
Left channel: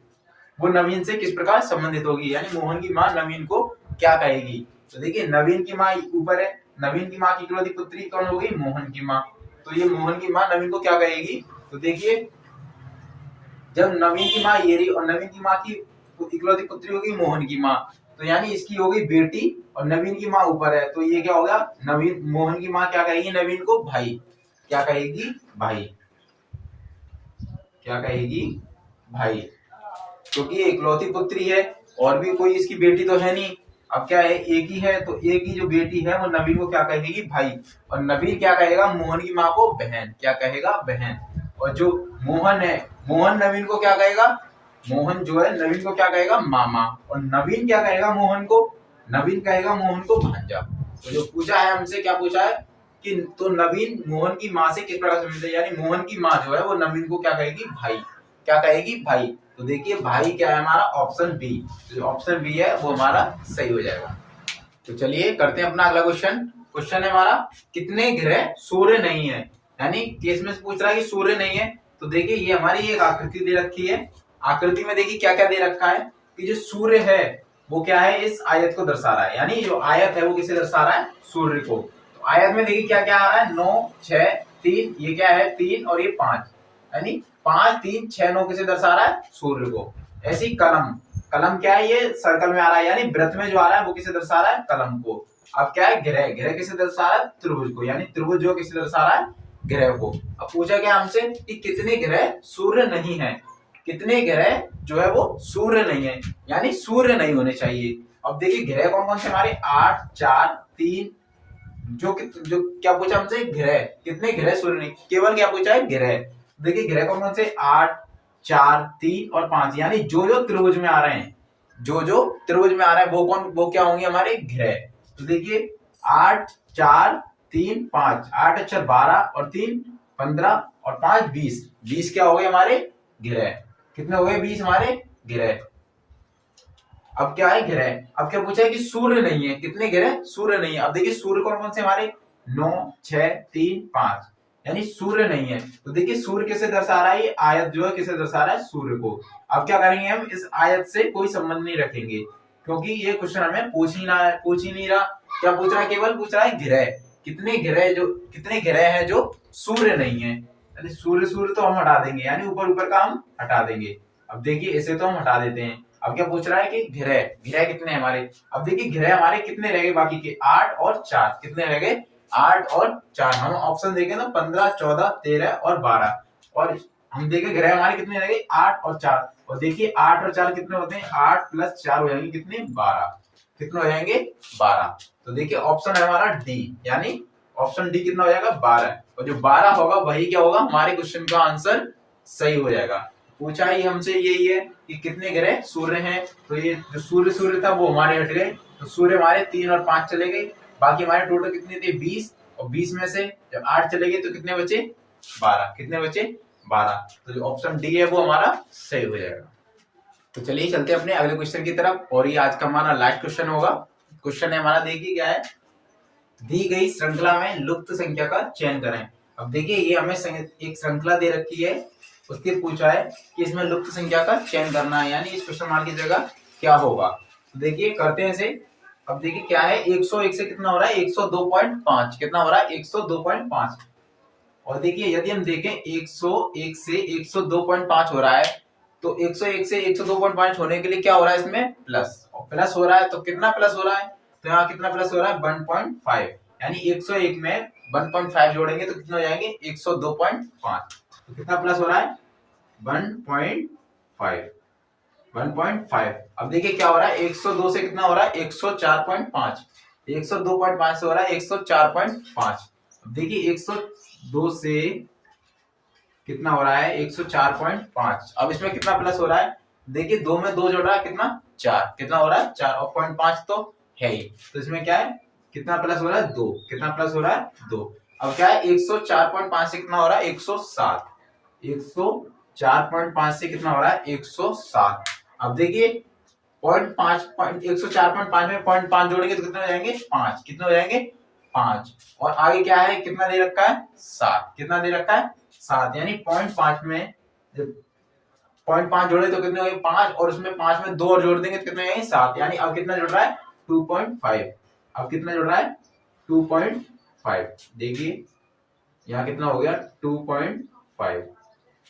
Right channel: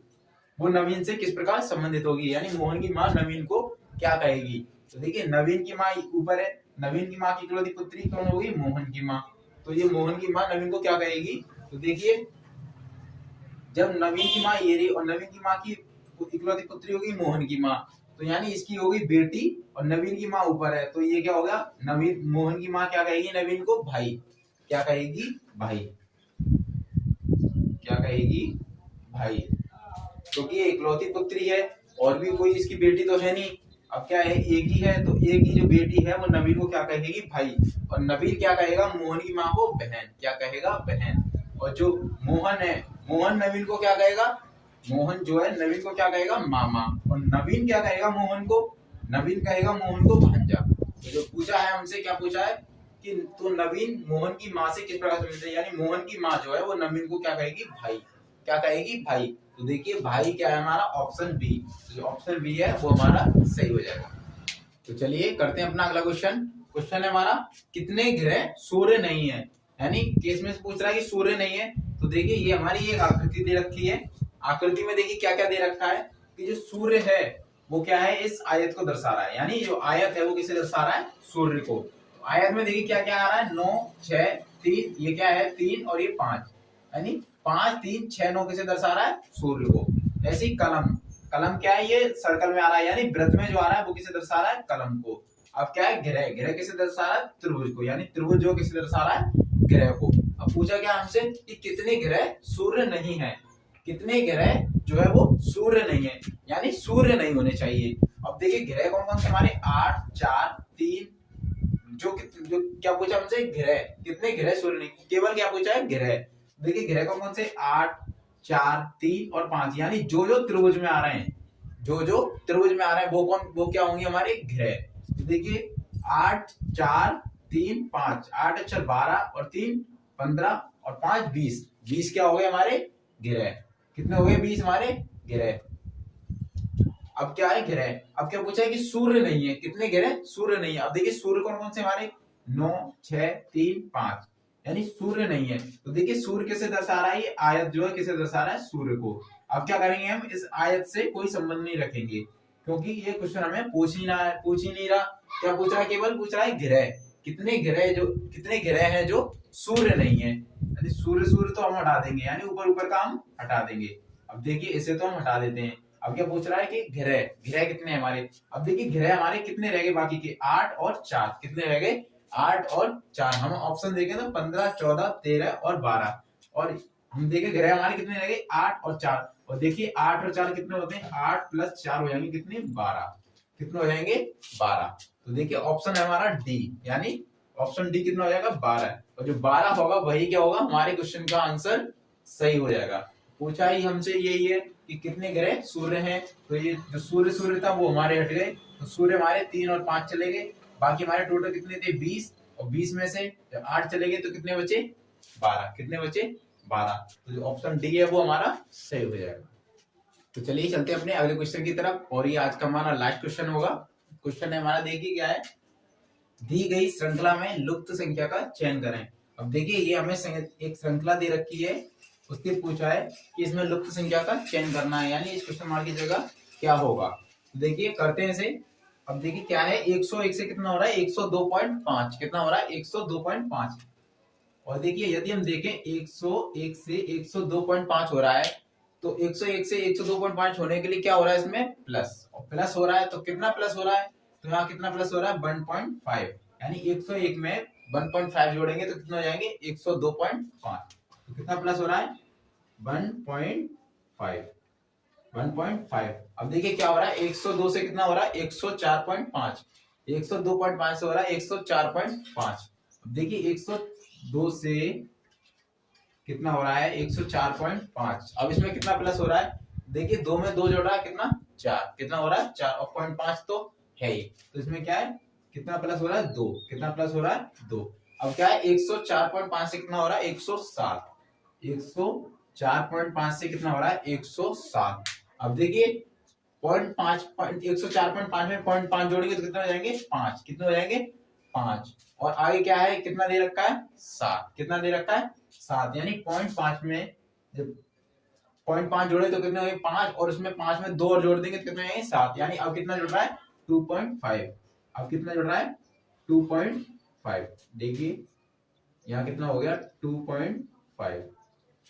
वो नवीन से किस प्रकार संबंधित होगी, यानी मोहन की माँ नवीन को क्या कहेगी। तो देखिए नवीन की माँ ऊपर है, नवीन की माँ की इकलौती पुत्री कौन हो गई, मोहन की माँ। तो ये मोहन की माँ नवीन को क्या कहेगी, तो देखिए जब नवीन की माँ ये रही और नवीन की माँ की इकलौती पुत्री होगी मोहन की माँ, तो यानी इसकी होगी बेटी और नवीन की माँ ऊपर है, तो ये क्या होगा, नवीन मोहन की माँ क्या कहेगी नवीन को, भाई। क्या कहेगी, भाई। क्या कहेगी, भाई, क्योंकि ये इकलौती पुत्री है और भी कोई इसकी बेटी तो है नहीं। अब क्या है, एक ही है, तो एक ही जो बेटी है वो नवीन को क्या कहेगी, भाई। और नवीन क्या कहेगा मोहन की माँ को, बहन। क्या कहेगा, बहन। और जो मोहन है, मोहन नवीन को क्या कहेगा, मोहन जो है नवीन को क्या कहेगा, मामा। और नवीन क्या कहेगा मोहन को, नवीन कहेगा मोहन को भांजा। तो जो पूछा है हमसे, क्या पूछा है कि तो नवीन मोहन की माँ से किस प्रकार संबंधित है, यानी मोहन की माँ जो है वो नवीन को क्या कहेगी, भाई। क्या कहेगी, भाई। तो देखिए भाई क्या है हमारा, ऑप्शन बी। तो जो ऑप्शन बी है वो हमारा सही हो जाएगा। तो चलिए करते हैं अपना अगला क्वेश्चन। क्वेश्चन है हमारा, कितने ग्रह सूर्य नहीं है, यानी केस में पूछ रहा है कि सूर्य नहीं है। तो देखिए ये हमारी एक आकृति दे रखी है, आकृति में देखिए क्या क्या दे रखा है कि जो सूर्य है वो क्या है, इस आयत को दर्शा रहा है, यानी जो आयत है वो किसे दर्शा रहा है, सूर्य को। तो आयत में देखिए क्या क्या आ रहा है, 9 6 3, ये क्या है 3 और ये 5, यानी 5 3 6 9 किसे दर्शा रहा है, सूर्य को। ऐसी कलम, कलम क्या है, ये सर्कल में आ रहा है, यानी वृत्त में जो आ रहा है वो किसे दर्शा रहा है, कलम को। अब क्या है, ग्रह, ग्रह किसे दर्शा रहा है, त्रिभुज को, यानी त्रिभुज जो किसे दर्शा रहा है, ग्रह को। अब पूछा गया हमसे कि कितने ग्रह सूर्य नहीं है, कितने ग्रह जो है वो सूर्य नहीं है, यानी सूर्य नहीं होने चाहिए। अब देखिए ग्रह कौन कौन से हमारे, 8 4 3, जो क्या पूछा हमसे, ग्रह, कितने ग्रह सूर्य नहीं, केवल क्या पूछा है, ग्रह। देखिए ग्रह कौन कौन से, 8 4 3 और 5, यानी जो जो त्रिभुज में आ रहे हैं, जो जो त्रिभुज में आ रहे हैं वो कौन, वो क्या होंगे हमारे ग्रह। तो देखिए 8 4 3 5, 8 अच्छा 12 और 3 15 और 5 20, 20 क्या हो गए हमारे ग्रह। कितने हो गए, 20 हमारे ग्रह। अब क्या है, ग्रह। अब क्या पूछा है कि सूर्य नहीं है, कितने ग्रह सूर्य नहीं है। अब देखिए सूर्य कौन कौन से हमारे, 9 6 3 5, यानी सूर्य नहीं है। तो देखिए सूर्य किसे दर्शा रहा है, ये आयत जो है किसे दर्शा रहा है, सूर्य को। अब क्या करेंगे हम, इस आयत से कोई संबंध नहीं रखेंगे, क्योंकि ये क्वेश्चन हमें पूछ ही नहीं रहा। क्या पूछ रहा है, केवल पूछ रहा है ग्रह, कितने ग्रह, जो कितने ग्रह हैं जो सूर्य नहीं है, यानी सूर्य सूर्य तो हम हटा देंगे, यानी ऊपर ऊपर का हम हटा देंगे। अब देखिए इसे तो हम हटा देते हैं। अब क्या पूछ रहा है कि ग्रह, ग्रह कितने हैं हमारे। अब देखिए ग्रह हमारे कितने रह गए बाकी के, 8 और 4, कितने रह गए, 8 और 4। हम ऑप्शन देखें ना, 15 14 13 और 12, और हम देखें ग्रह हमारे कितने रह गए, 8 और 4। और देखिए 8 और 4 कितने होते हैं, 8 + 4 हो जाएंगे कितने, 12। कितने हो जाएंगे, 12। तो देखिए ऑप्शन है हमारा डी, यानी ऑप्शन डी कितना हो जाएगा, 12। और जो 12 होगा वही क्या होगा, हमारे क्वेश्चन का आंसर सही हो जाएगा। पूछा ही हमसे यही है कि कितने ग्रह सूर्य हैं, तो ये जो सूर्य था वो हमारे हट गए, तो सूर्य हमारे 3 और 5 चले गए। बाकी हमारे टोटल कितने थे, 20, और 20 में से जब 8 चले गए तो कितने बचे, 12। कितने बचे, 12। तो जो ऑप्शन डी है वो हमारा सही हो जाएगा। तो चलिए चलते हैं अपने अगले क्वेश्चन की तरफ, और ये आज का हमारा लास्ट क्वेश्चन होगा। क्वेश्चन है हमारा, देखिए क्या है, दी गई श्रृंखला में लुप्त संख्या का चयन करें। अब देखिए ये हमें एक श्रृंखला दे रखी है, उसके पूछा है कि इसमें लुप्त संख्या का चयन करना है, यानी इस क्वेश्चन मार्क की जगह क्या होगा। देखिए करते हैं इसे। अब देखिए क्या है, 101 से कितना हो रहा है, 102.5, कितना हो रहा है, 102.5। और देखिए यदि हम देखें 101 से 102.5 हो रहा है, तो 101 से 102.5 होने के लिए क्या हो रहा है, इसमें प्लस, और प्लस हो रहा है, तो कितना प्लस हो रहा है, तो यहाँ कितना प्लस हो रहा है, 1.5, यानी 101 में 1.5 जोड़ेंगे तो कितना हो जाएंगे, 102.5। तो कितना प्लस हो रहा है, 1.5, 1.5। अब देखिए क्या हो रहा है, 102 से कितना हो रहा है, 104.5, 102.5 से हो रहा है 104.5। अब देखिए 102 से कितना हो रहा है, 104.5। अब इसमें कितना प्लस हो रहा है, देखिए 2 में 2 जोड़ रहा है, कितना 4, कितना हो रहा है 4, और 0.5 तो है ही, तो इसमें क्या है, कितना प्लस हो रहा है, 2, कितना प्लस हो रहा है, 2। अब क्या है, 104.5 से कितना हो रहा है, 107, 104.5 से कितना हो रहा है, 107। अब देखिए 104.5 में 0.5 जोड़ेंगे तो कितने हो जाएंगे, 5, कितने हो जाएंगे, 5। और आगे क्या है, कितना दे रखा है, 7, कितना दे रखा है, 7, यानी 0.5 में जब 0.5 जोड़े तो कितने हो गए 5, और उसमें 5 में 2 और जोड़ देंगे तो कितने हो जाएंगे 7। यानी अब कितना जुड़ रहा है 2.5। अब कितना जुड़ रहा है 2.5। देखिए यहाँ कितना हो गया 2.5,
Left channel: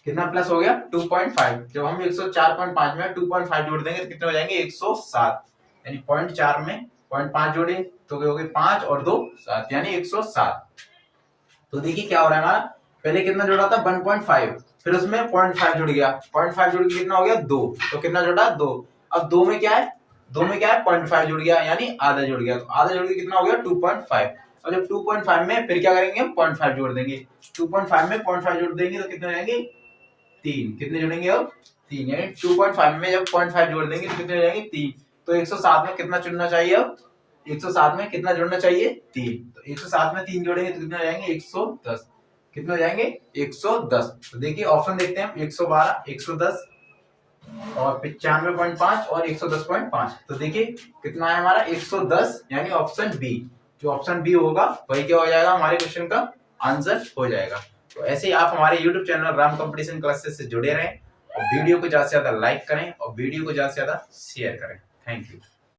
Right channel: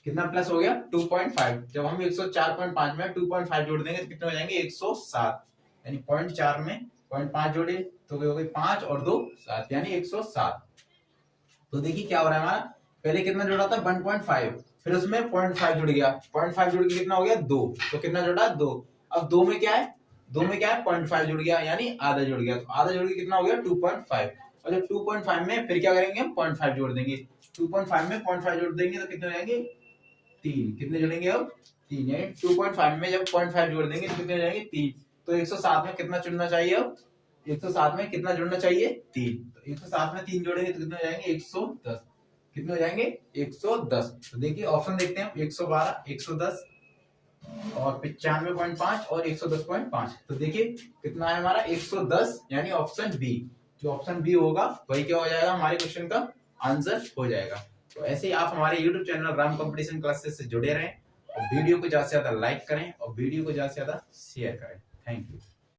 कितना प्लस हो गया 2.5। जब हम 104.5 में 2.5 जोड़ देंगे तो कितने हो जाएंगे 107। यानी 0.4 में 0.5 जोड़े तो हो गए 5 और 2 7, यानी 107। तो देखिए क्या हो रहा है हमारा, पहले कितना जुड़ा था 1.5, फिर उसमें 0.5 जुड़ गया, 0.5 जुड़ के कितना हो गया 2, तो कितना जुड़ा 2। अब 2 में क्या है 0.5 जुड़ गया, यानी आधा जुड़ गया, तो आधा जुड़ के कितना हो गया 2.5। और जब 2.5 में फिर क्या करेंगे हम 0.5 जोड़ देंगे, 2.5 में 0.5 जोड़ देंगे तो कितने हो जाएंगे 3। कितने जुड़ेंगे अब 3, यानी 2.5 में जब 0.5 जोड़ देंगे तो कितने हो जाएंगे 3। तो 107 में कितना जुड़ना चाहिए, अब 107 में कितना जुड़ना चाहिए 3। तो 107 में 3 जोड़ेंगे तो कितने हो जाएंगे 110। कितने हो जाएंगे 110। तो देखिए ऑप्शन देखते हैं 112, 110 और 95.5 और 110.5। तो देखिए कितना है हमारा 110, यानी ऑप्शन बी। जो ऑप्शन बी होगा वही क्या हो जाएगा हमारे क्वेश्चन का आंसर हो जाएगा। तो ऐसे ही आप हमारे YouTube channel Ram competition classes से जुड़े रहें और वीडियो को ज्यादा से ज्यादा लाइक करें और वीडियो को ज्यादा से ज्यादा शेयर करें। Thank you.